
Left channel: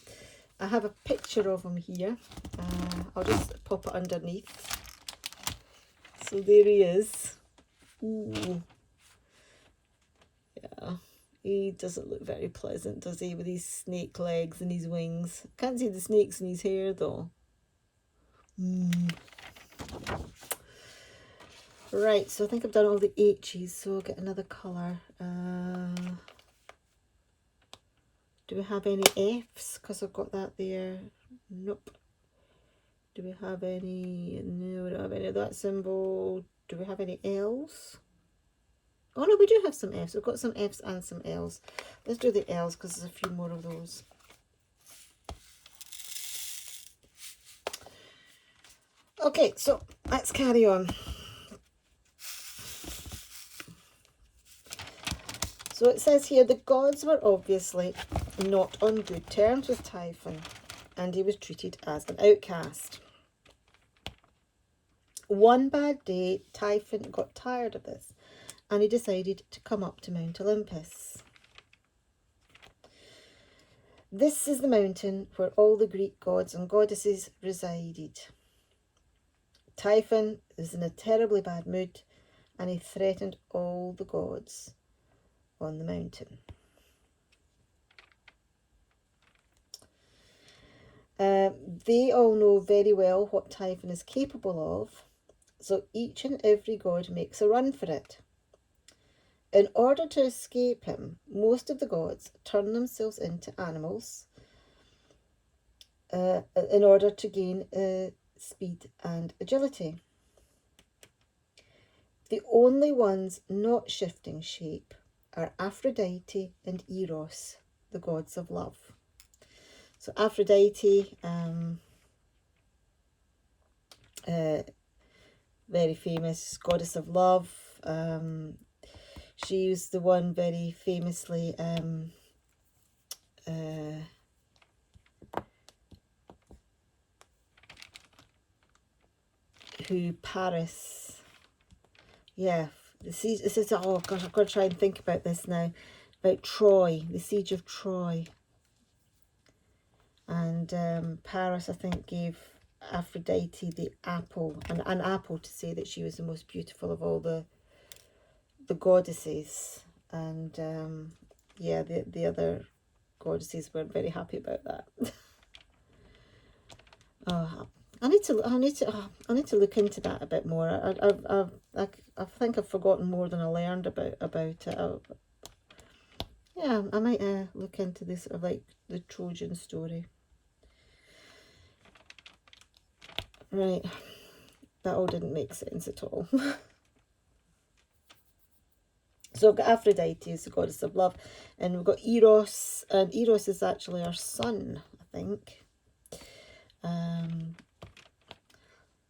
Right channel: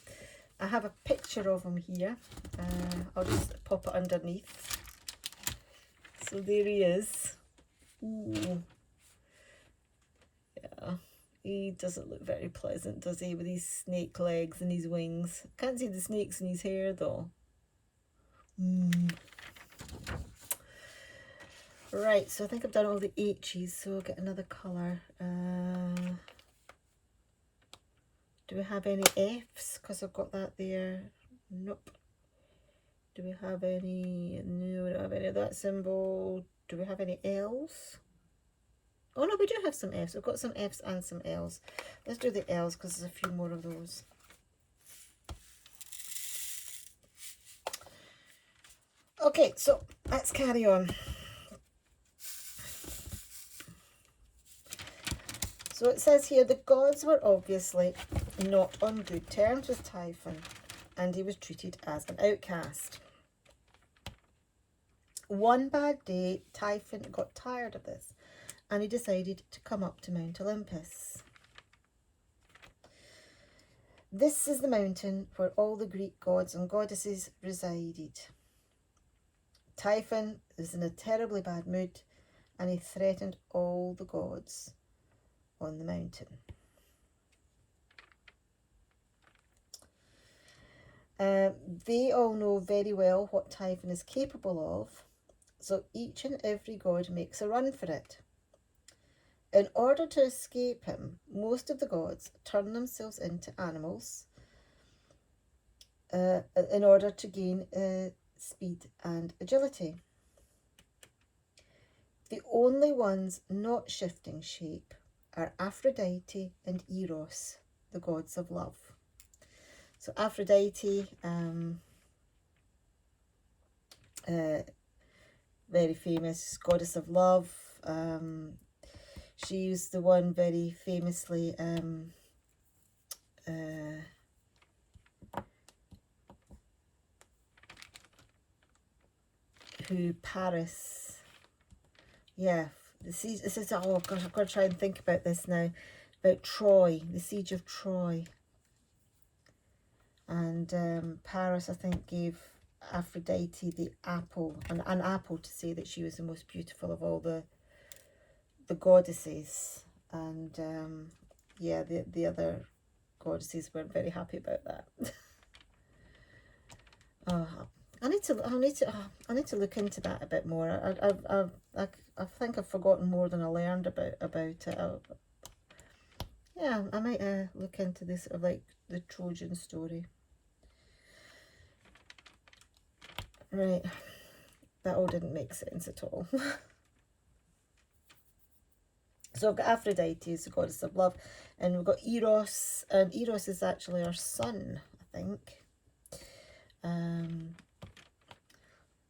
I have a picture of him here. I'll just pop it underneath. So there he is. Ooh. Yeah, he doesn't look very pleasant, does he, with his snake legs and his wings. Can't see the snakes in his hair, though. Right, so I think I've done all the H's, so I'll get another colour. Do we have any F's? Because I've got that there. Nope. Do we have any? No, we don't have any of that symbol. Do we have any L's? Oh no, we do have some F's. We've got some F's and some L's. Let's do the L's because there's a few more of those. Okay, so let's carry on. So it says here, the gods were obviously not on good terms with Typhon, and he was treated as an outcast. One bad day, Typhon got tired of this, and he decided to come up to Mount Olympus. This is the mountain where all the Greek gods and goddesses resided. Typhon was in a terribly bad mood, and he threatened all the gods on the mountain. They all know very well what Typhon is capable of, so each and every god makes a run for it. In order to escape him, most of the gods turn themselves into animals in order to gain speed and agility. The only ones not shifting shape are Aphrodite and Eros, the gods of love. So Aphrodite, very famous goddess of love. She's the one very famously who Paris, yeah, the siege. This is, oh gosh, I've got to try and think about this now. About Troy, the siege of Troy. And Paris, I think, gave Aphrodite the apple, an apple, to say that she was the most beautiful of all the goddesses. And yeah, the other goddesses weren't very happy about that. Oh, I need to look into that a bit more. I think I've forgotten more than I learned about it. Yeah, I might look into this, sort of like the Trojan story. Right, that all didn't make sense at all. So I've got Aphrodite, is the goddess of love, and we've got Eros, and Eros is actually our sun, I think.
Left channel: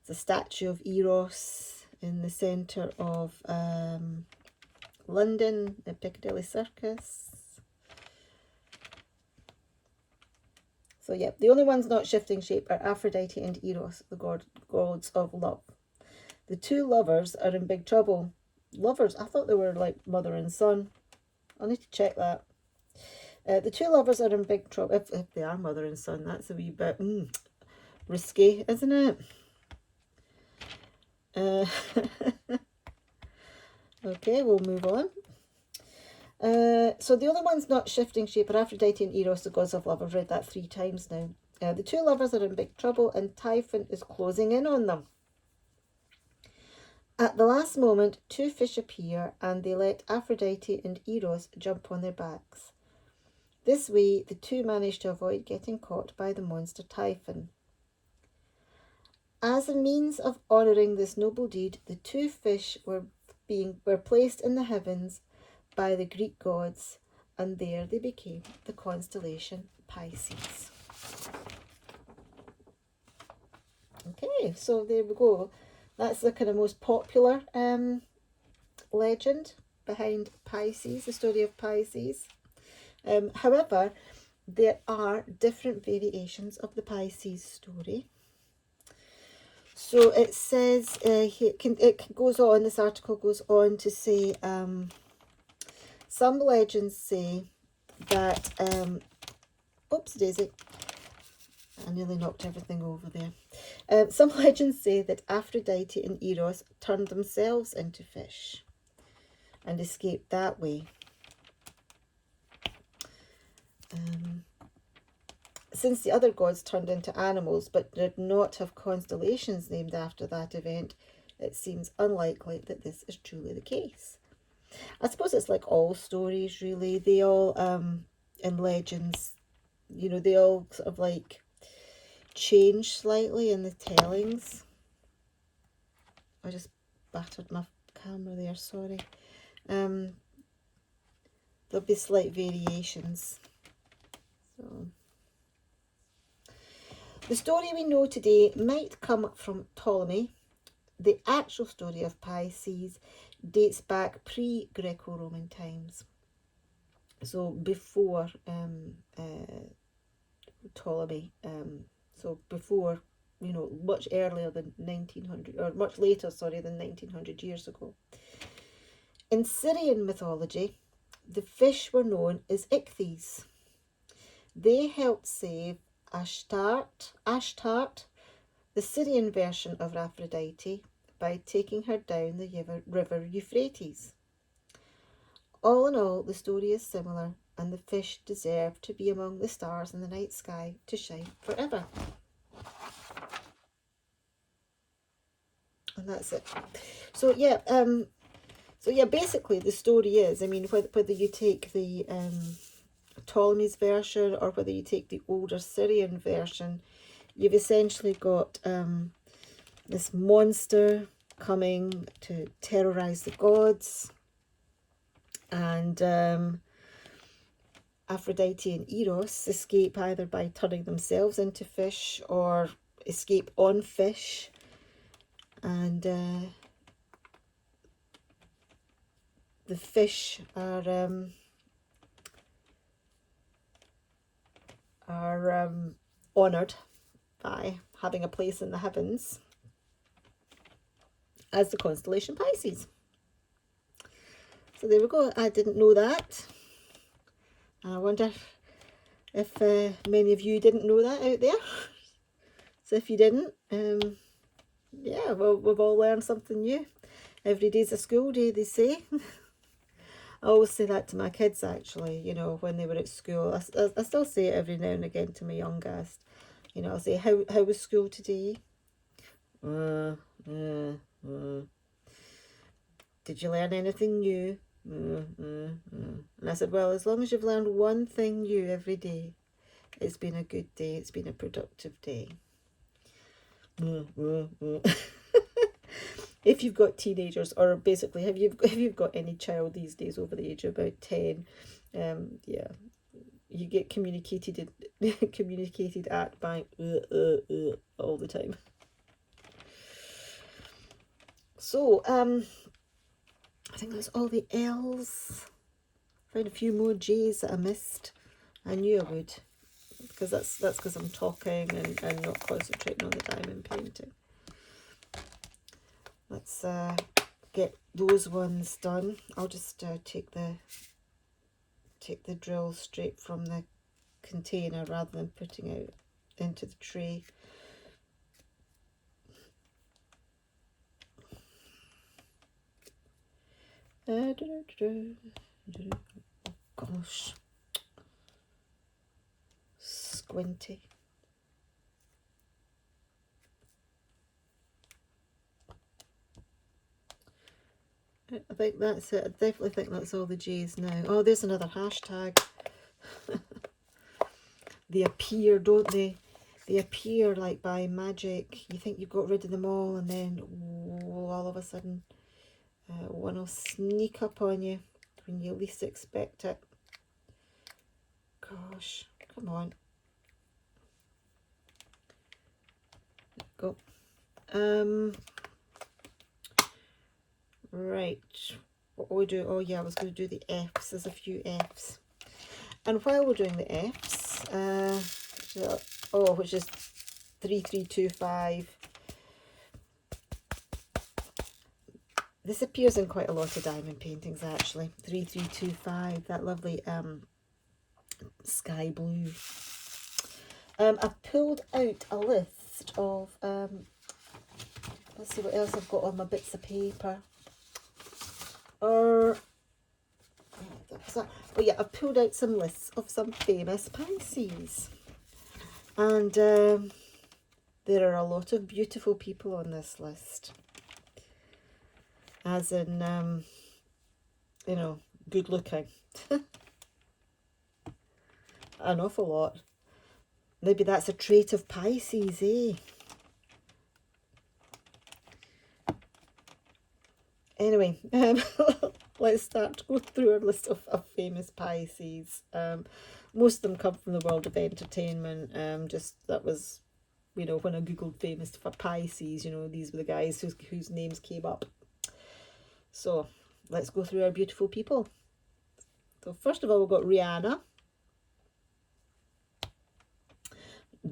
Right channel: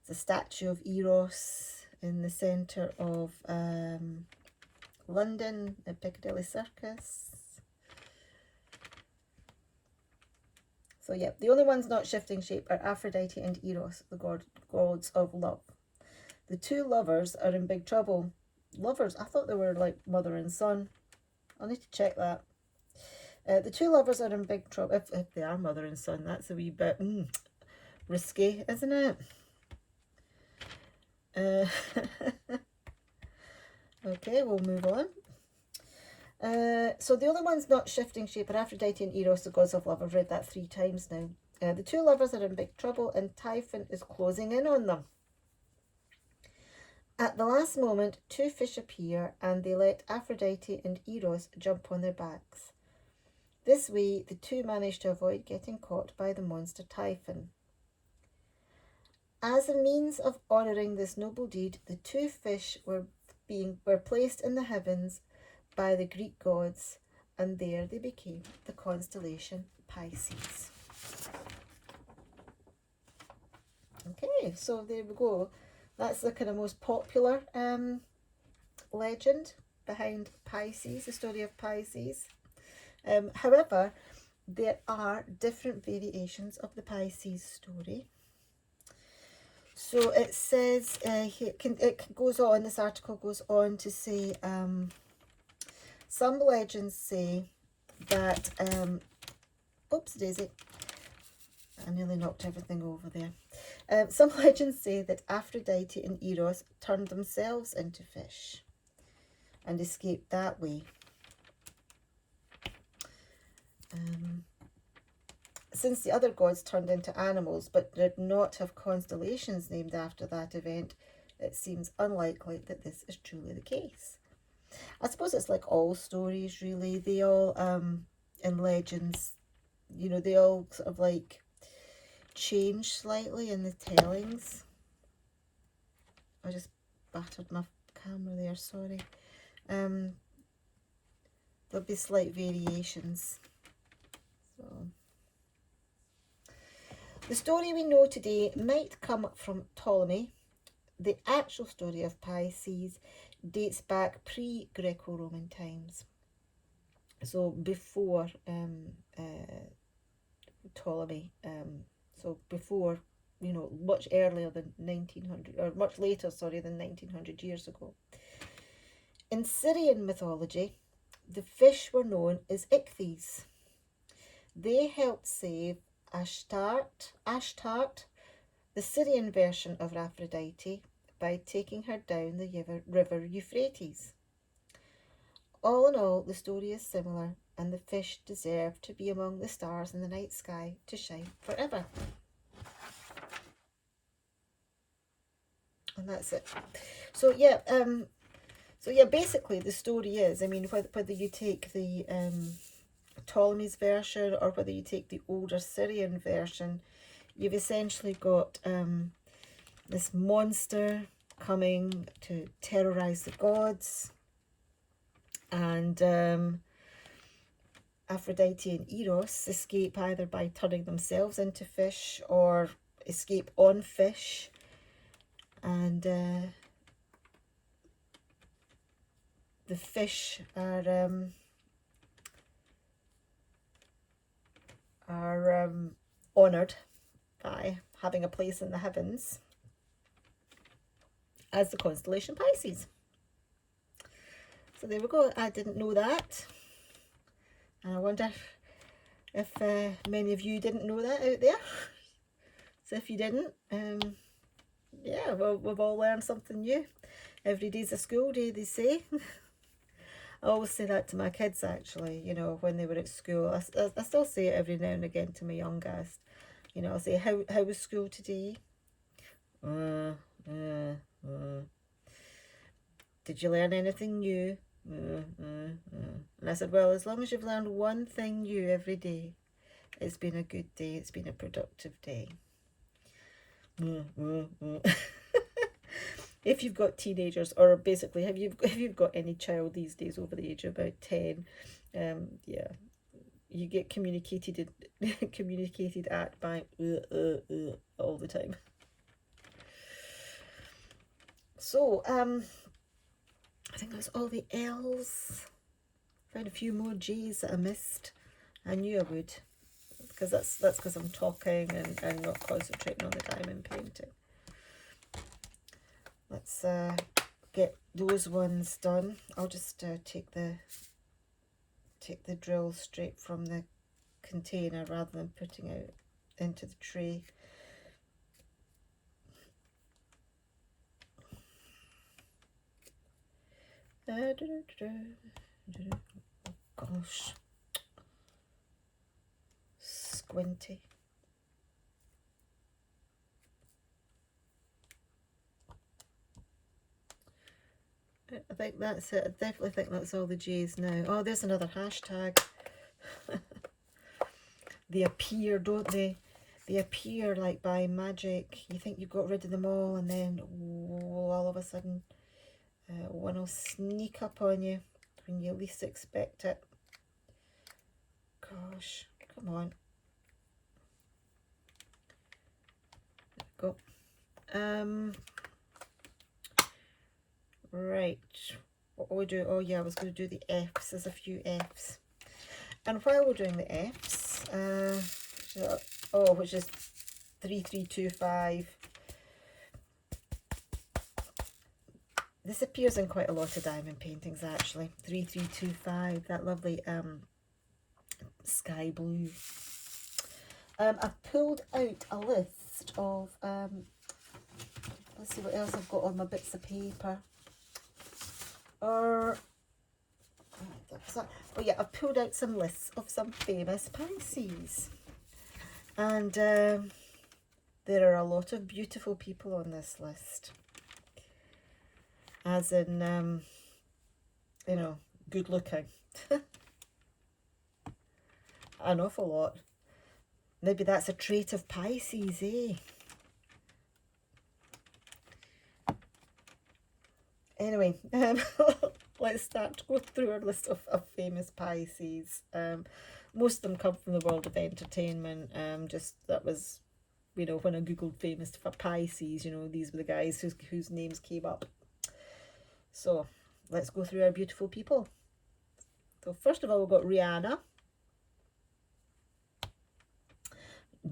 The statue of Eros in the centre of London at Piccadilly Circus. So yeah, the only ones not shifting shape are Aphrodite and Eros, the gods of love. The two lovers are in big trouble. Lovers? I thought they were like mother and son. I'll need to check that. The two lovers are in big trouble. If they are mother and son, that's a wee bit risky, isn't it? Okay, we'll move on. So the only ones not shifting shape are Aphrodite and Eros, the gods of love. I've read that 3 times now. The two lovers are in big trouble, and Typhon is closing in on them. At the last moment, 2 fish appear, and they let Aphrodite and Eros jump on their backs. This way, the two manage to avoid getting caught by the monster Typhon. As a means of honouring this noble deed, the 2 fish were placed in the heavens by the Greek gods, and there they became the constellation Pisces. Okay, so there we go. That's the kind of most popular legend behind Pisces, the story of Pisces. However, there are different variations of the Pisces story. So it says, it goes on, this article goes on to say, some legends say that, oops daisy, I nearly knocked everything over there. Some legends say that Aphrodite and Eros turned themselves into fish and escaped that way. Since the other gods turned into animals but did not have constellations named after that event, it seems unlikely that this is truly the case. I suppose it's like all stories, really. They all, in legends, you know, they all sort of like change slightly in the tellings. I just battered my camera there, sorry. There'll be slight variations. So the story we know today might come from Ptolemy. The actual story of Pisces dates back pre-Greco-Roman times. So before Ptolemy, so before, you know, much earlier than 1900, or much later, sorry, than 1900 years ago. In Syrian mythology, the fish were known as ichthys. They helped save Ashtart, the Syrian version of Aphrodite, by taking her down the river Euphrates. All in all, the story is similar, and the fish deserve to be among the stars in the night sky to shine forever. And that's it. So yeah, basically the story is, I mean, whether you take the Ptolemy's version or whether you take the older Syrian version, you've essentially got this monster coming to terrorize the gods, and Aphrodite and Eros escape either by turning themselves into fish or escape on fish, and the fish are honoured by having a place in the heavens as the constellation Pisces. So there we go. I didn't know that. And I wonder if many of you didn't know that out there. So if you didn't, yeah, well, we've all learned something new. Every day's a school day, they say. I always say that to my kids, actually, you know, when they were at school. I still say it every now and again to my youngest. You know, I'll say, how was school today? Did you learn anything new? And I said, well, as long as you've learned one thing new every day, it's been a good day. It's been a productive day. If you've got teenagers, or basically, have you got any child these days over the age of about 10, yeah, you get communicated at by all the time. So I think that's all the L's. Found a few more J's that I missed. I knew I would, because that's because I'm talking and not concentrating on the diamond painting. Let's get those ones done. I'll just take the drill straight from the container rather than putting it into the tray. Gosh, squinty. I think that's it. I definitely think that's all the J's now. Oh, there's another hashtag. They appear, don't they? They appear like by magic. You think you've got rid of them all, and then all of a sudden one will sneak up on you when you least expect it. Gosh, come on. Go. Right. What will we do? Oh yeah, I was going to do the F's. There's a few F's. And while we're doing the F's, which is 3325. This appears in quite a lot of diamond paintings, actually. 3325, that lovely sky blue. I've pulled out a list of, let's see what else I've got on my bits of paper. Oh yeah, I've pulled out some lists of some famous Pisces. And there are a lot of beautiful people on this list. As in, you know, good looking. An awful lot. Maybe that's a trait of Pisces, eh? Anyway, let's start to go through our list of famous Pisces. Most of them come from the world of entertainment. Just that was, you know, when I googled famous for Pisces, you know, these were the guys whose names came up. So let's go through our beautiful people. So first of all, we've got Rihanna.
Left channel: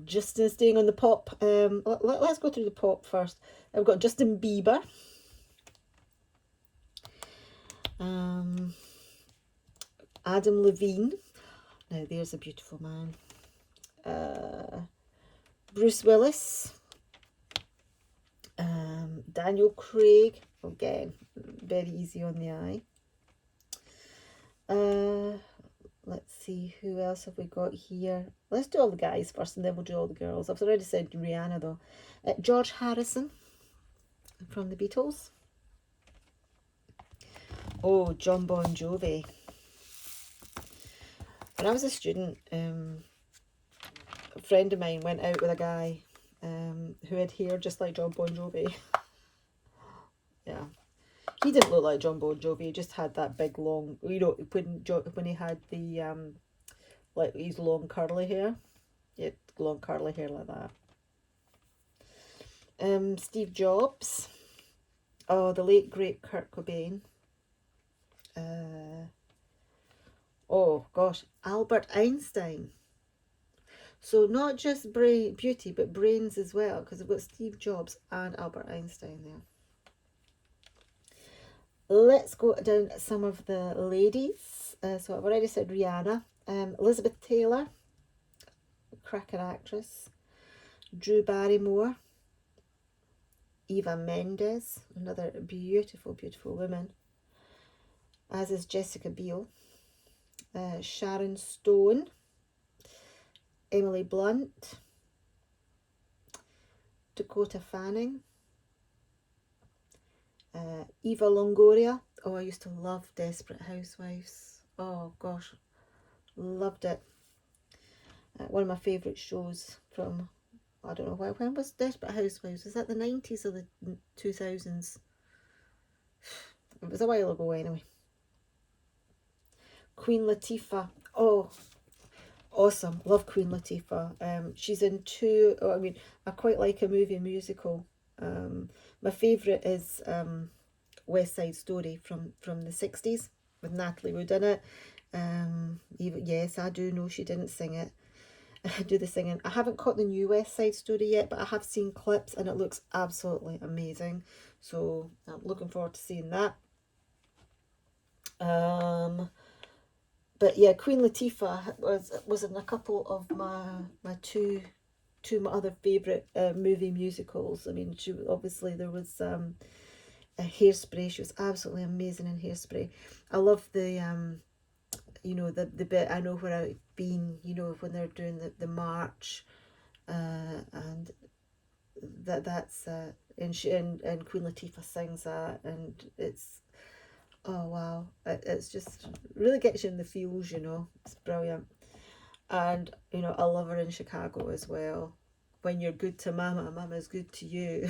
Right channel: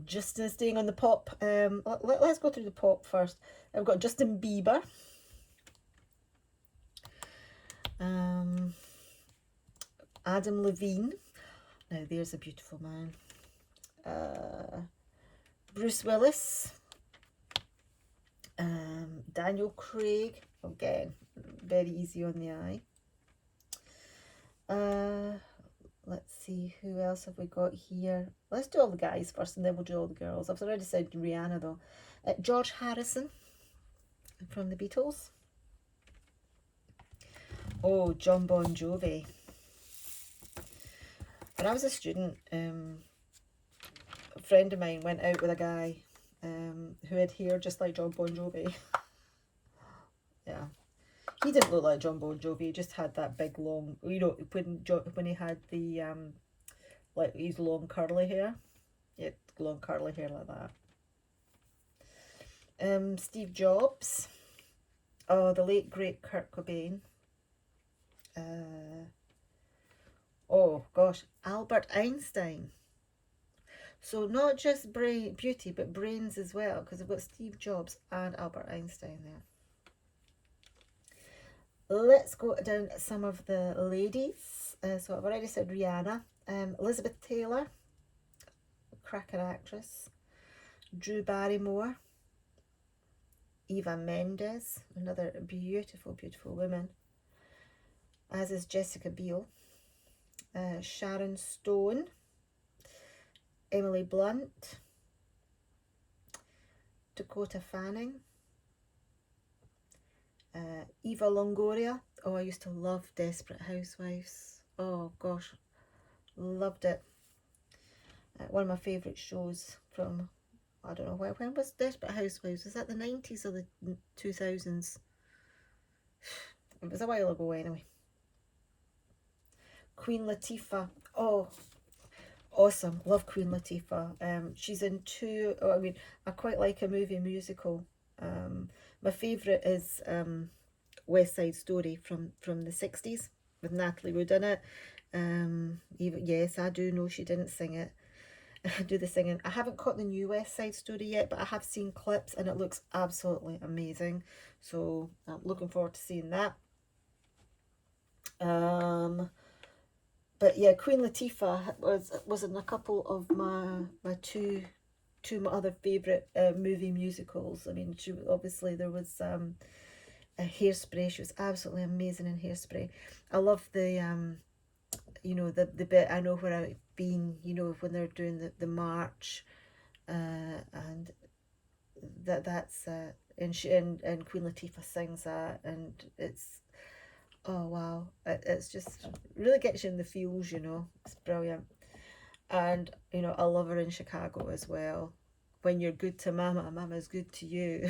Justin staying on the pop. Let's go through the pop first. I've got Justin Bieber. Adam Levine. Now there's a beautiful man. Bruce Willis. Daniel Craig. Again, very easy on the eye. Let's see, who else have we got here? Let's do all the guys first and then we'll do all the girls. I've already said Rihanna though. George Harrison from the Beatles. Oh, John Bon Jovi. When I was a student, a friend of mine went out with a guy who had hair just like John Bon Jovi. Yeah. He didn't look like John Bon Jovi, he just had that big long, you know, when he had the, like his long curly hair. He had long curly hair like that. Steve Jobs. Oh, the late great Kurt Cobain. Oh gosh, Albert Einstein. So not just beauty, but brains as well, because I've got Steve Jobs and Albert Einstein there. Let's go down some of the ladies. So I've already said Rihanna, Elizabeth Taylor, cracker actress, Drew Barrymore, Eva Mendes, another beautiful, beautiful woman, as is Jessica Biel, Sharon Stone, Emily Blunt, Dakota Fanning, Eva Longoria. Oh, I used to love Desperate Housewives. Oh gosh, loved it. One of my favourite shows from, I don't know, when was Desperate Housewives? Was that the 90s or the 2000s? It was a while ago anyway. Queen Latifah. Oh, awesome. Love Queen Latifah. She's in two, oh, I mean, I quite like a movie musical. My favourite is West Side Story from the 60s with Natalie Wood in it. Even, yes, I do know she didn't sing it. Do the singing. I haven't caught the new West Side Story yet, but I have seen clips and it looks absolutely amazing. So I'm looking forward to seeing that. But yeah, Queen Latifah was in a couple of my two my other favourite movie musicals. I mean, she obviously, there was a Hairspray. She was absolutely amazing in Hairspray. I love the you know, the bit I Know Where I've Been, you know, when they're doing the march, and that's and Queen Latifah sings that, and it's, oh wow, it's just really gets you in the feels, you know. It's brilliant. And you know, I love her in Chicago as well. When you're good to mama, mama's good to you.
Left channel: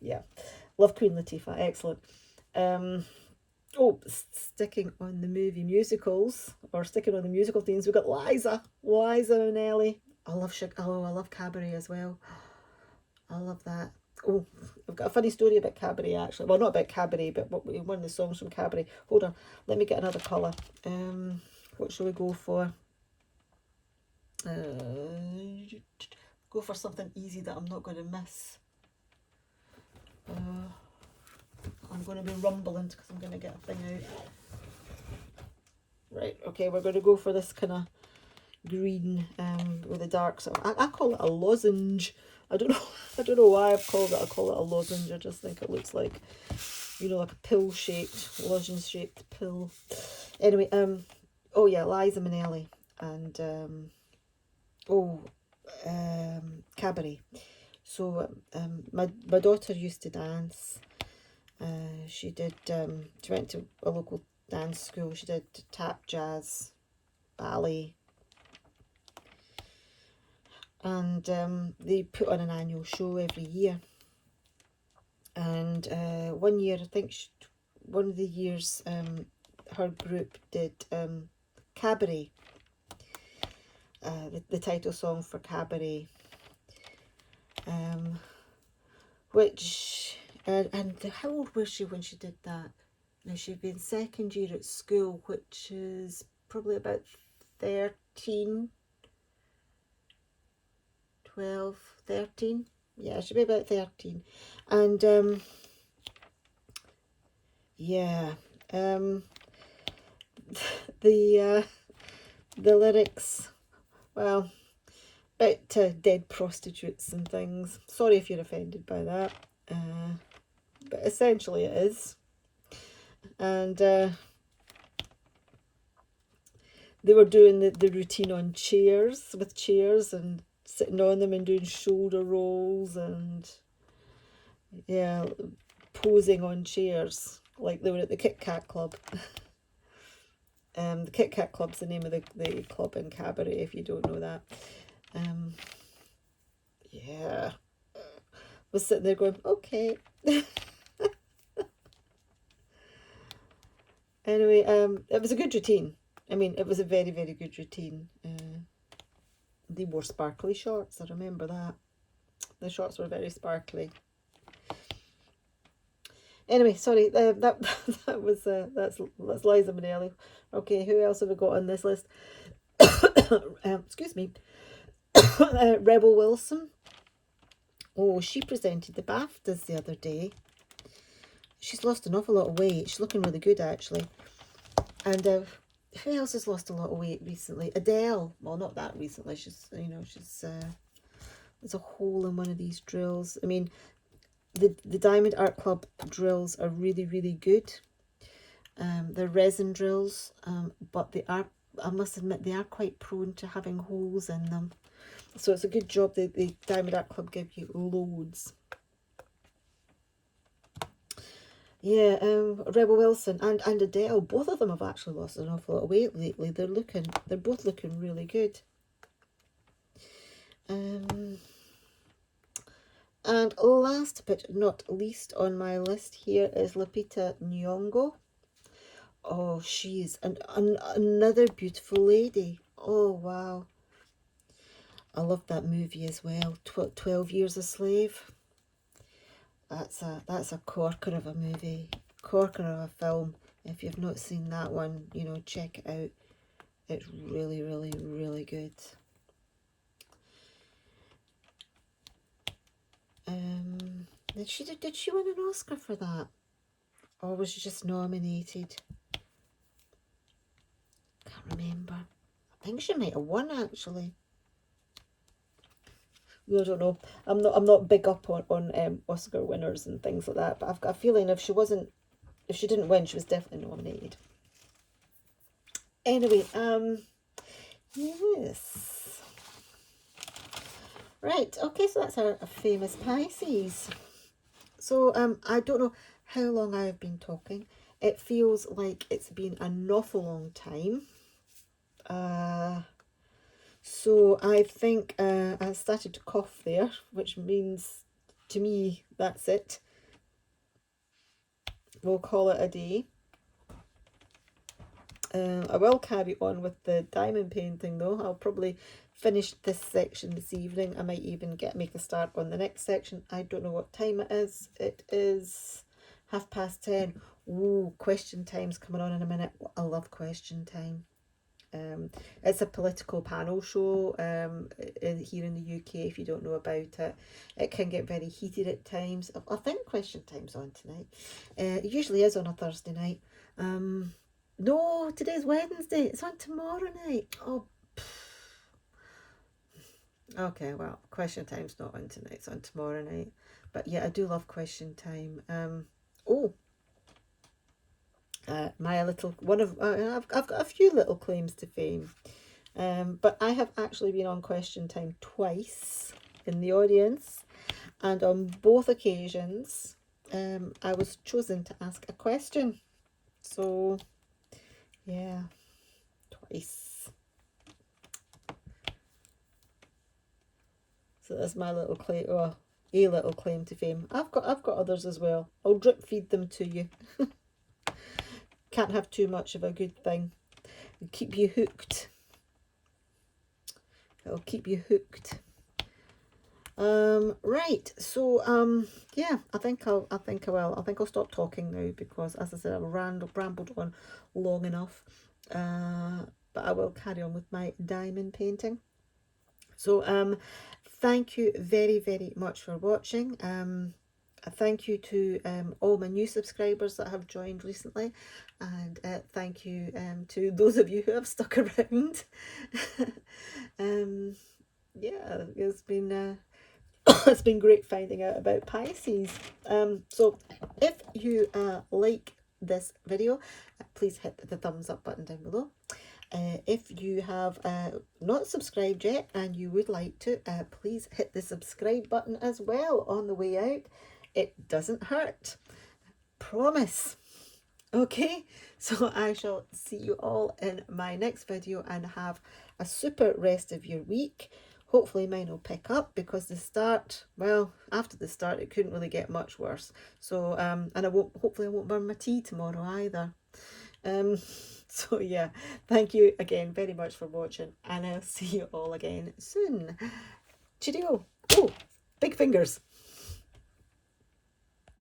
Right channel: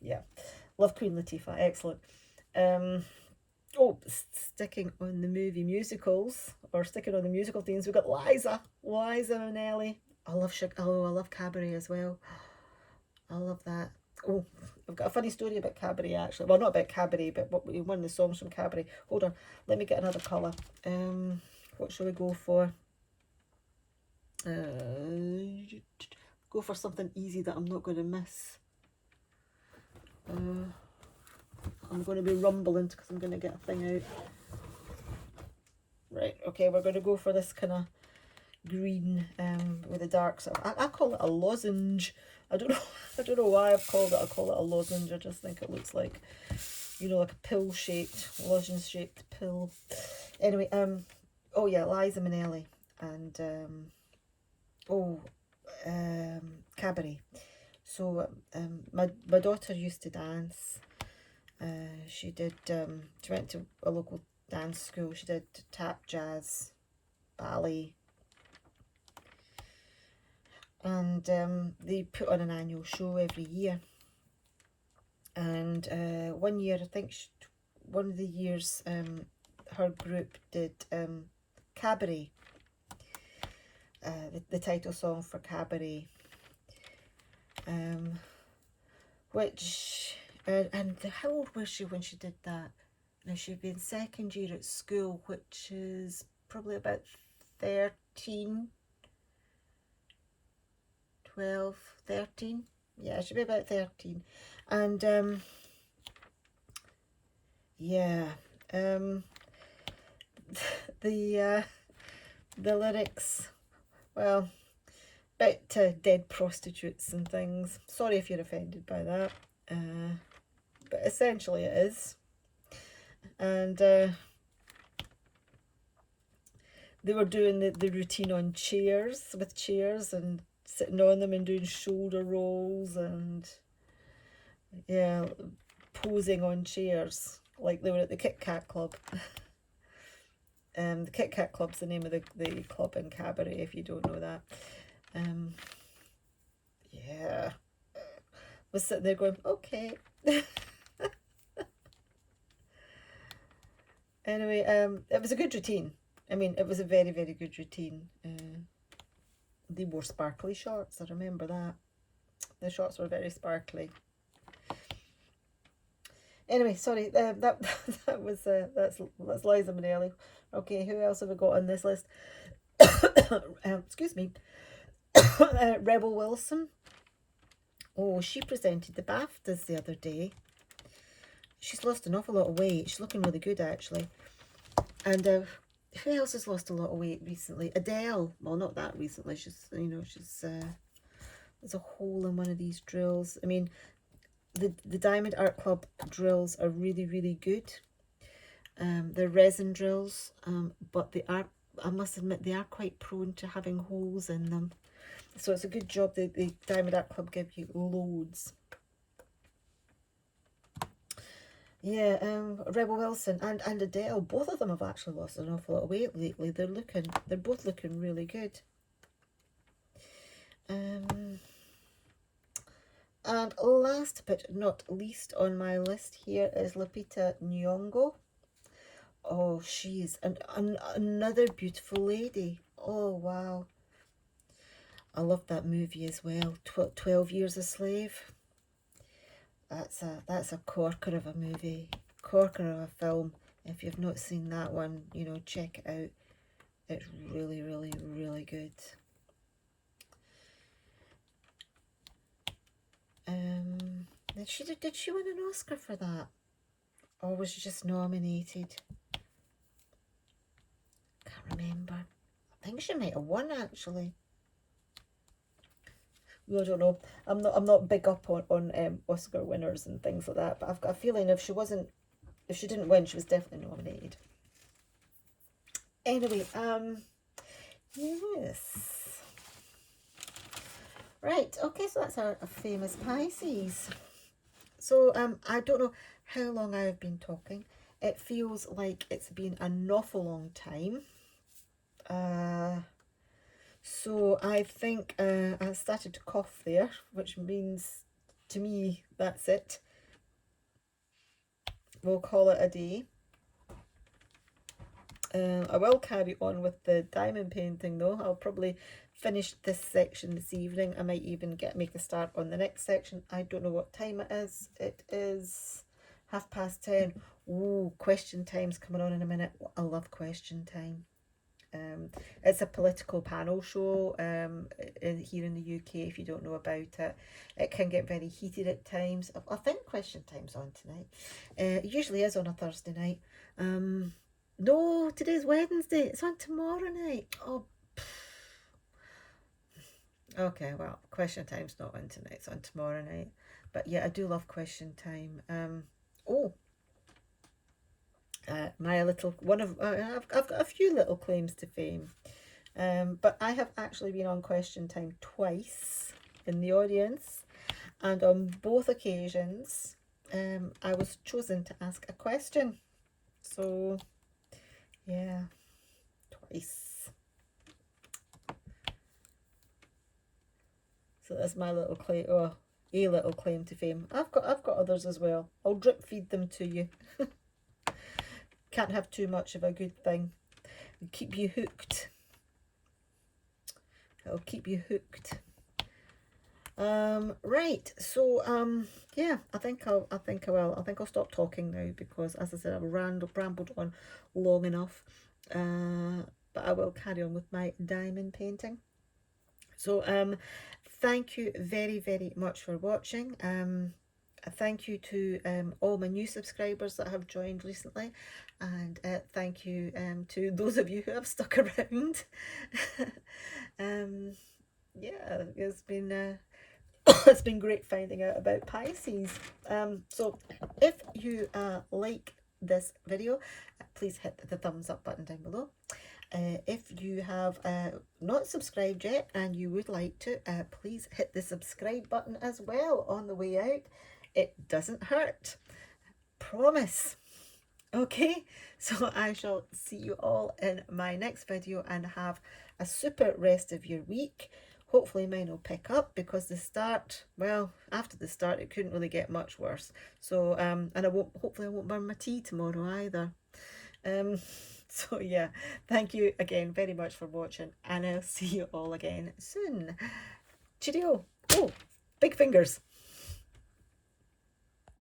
Yeah, love Queen Latifah, excellent. Oh, sticking on the movie musicals, or sticking on the musical themes, we've got Liza Minnelli. I love Cabaret as well. I love that. Oh, I've got a funny story about Cabaret actually. Well, not about Cabaret, but one of the songs from Cabaret. Hold on, let me get another colour. What shall we go for? Go for something easy that I'm not going to miss. I'm going to be rumbling because I'm going to get a thing out. Right, okay, we're going to go for this kind of green with a dark sort of, I call it a lozenge. I don't know why I call it a lozenge. I just think it looks like, you know, like a pill shaped, lozenge shaped pill. Anyway, oh yeah, Liza Minnelli and Cabaret. So my daughter used to dance. She went to a local dance school. She did tap, jazz, ballet, and they put on an annual show every year. And one year, I think one of the years, her group did Cabaret, the title song for Cabaret, which, and how old was she when she did that? Now, she'd been second year at school, which is probably about 13, 12, 13. Yeah, she'd be about 13. And yeah, the lyrics, well, about dead prostitutes and things. Sorry if you're offended by that, but essentially it is. And they were doing the routine on chairs, with chairs, and sitting on them and doing shoulder rolls, and yeah, posing on chairs like they were at the Kit Kat Club. The Kit Kat Club's the name of the club in Cabaret, if you don't know that. Yeah, was sitting there going, okay. Anyway, it was a good routine. I mean, it was a very, very good routine. They wore sparkly shorts, I remember that. The shorts were very sparkly. Anyway, sorry, that was that's Liza Minnelli. Okay, who else have we got on this list? Excuse me. Rebel Wilson. Oh, she presented the BAFTAs the other day. she's lost an awful lot of weight. She's looking really good, actually. And who else has lost a lot of weight recently? Adele. Well, not that recently. She's, you know, there's a hole in one of these drills. I mean, the Diamond Art Club drills are really, really good. They're resin drills, but they are, I must admit, they are quite prone to having holes in them. So it's a good job that the Diamond Art Club give you loads. Yeah, Rebel Wilson and Adele, both of them have actually lost an awful lot of weight lately. They're both looking really good. And last but not least on my list here is Lupita Nyong'o. Oh, she's another beautiful lady. Oh, wow. I love that movie as well, 12 Years a Slave. That's a corker of a movie, corker of a film. If you've not seen that one, you know, check it out. It's really, really, really good. Did she win an Oscar for that? Or was she just nominated? Can't remember. I think she might have won, actually. I don't know. I'm not big up on Oscar winners and things like that, but I've got a feeling if she didn't win, she was definitely nominated. Anyway, yes. Right, okay, so that's our famous Pisces. So I don't know how long I've been talking. It feels like it's been an awful long time. So I think I started to cough there, which means to me that's it. We'll call it a day. I will carry on with the diamond painting though. I'll probably finish this section this evening. I might even make a start on the next section. I don't know what time it is. It is 10:30. Ooh, question time's coming on in a minute. I love question time. It's a political panel show here in the UK. If you don't know about it, it can get very heated at times. I think question time's on tonight. It usually is on a Thursday night. No, today's Wednesday. It's on tomorrow night. Oh, okay. Well, question time's not on tonight. It's on tomorrow night. But yeah, I do love question time. My little one of I've got a few little claims to fame, but I have actually been on question time twice in the audience, and on both occasions I was chosen to ask a question. So yeah, twice. So that's my little claim, a little claim to fame. I've got others as well. I'll drip feed them to you. Can't have too much of a good thing. It'll keep you hooked. It'll keep you hooked. Right. So yeah, I think I will. I think I'll stop talking now because, as I said, I've rambled on long enough. But I will carry on with my diamond painting. So thank you very, very much for watching. Thank you to all my new subscribers that have joined recently, and thank you to those of you who have stuck around. Yeah, it's been it's been great finding out about Pisces. So if you like this video, please hit the thumbs up button down below. If you have not subscribed yet and you would like to, please hit the subscribe button as well on the way out. It doesn't hurt. Promise. Okay, so I shall see you all in my next video and have a super rest of your week. Hopefully mine will pick up because the start, well, after the start, it couldn't really get much worse. So, and hopefully I won't burn my tea tomorrow either. So yeah, thank you again very much for watching, and I'll see you all again soon. Cheerio. Oh, big fingers.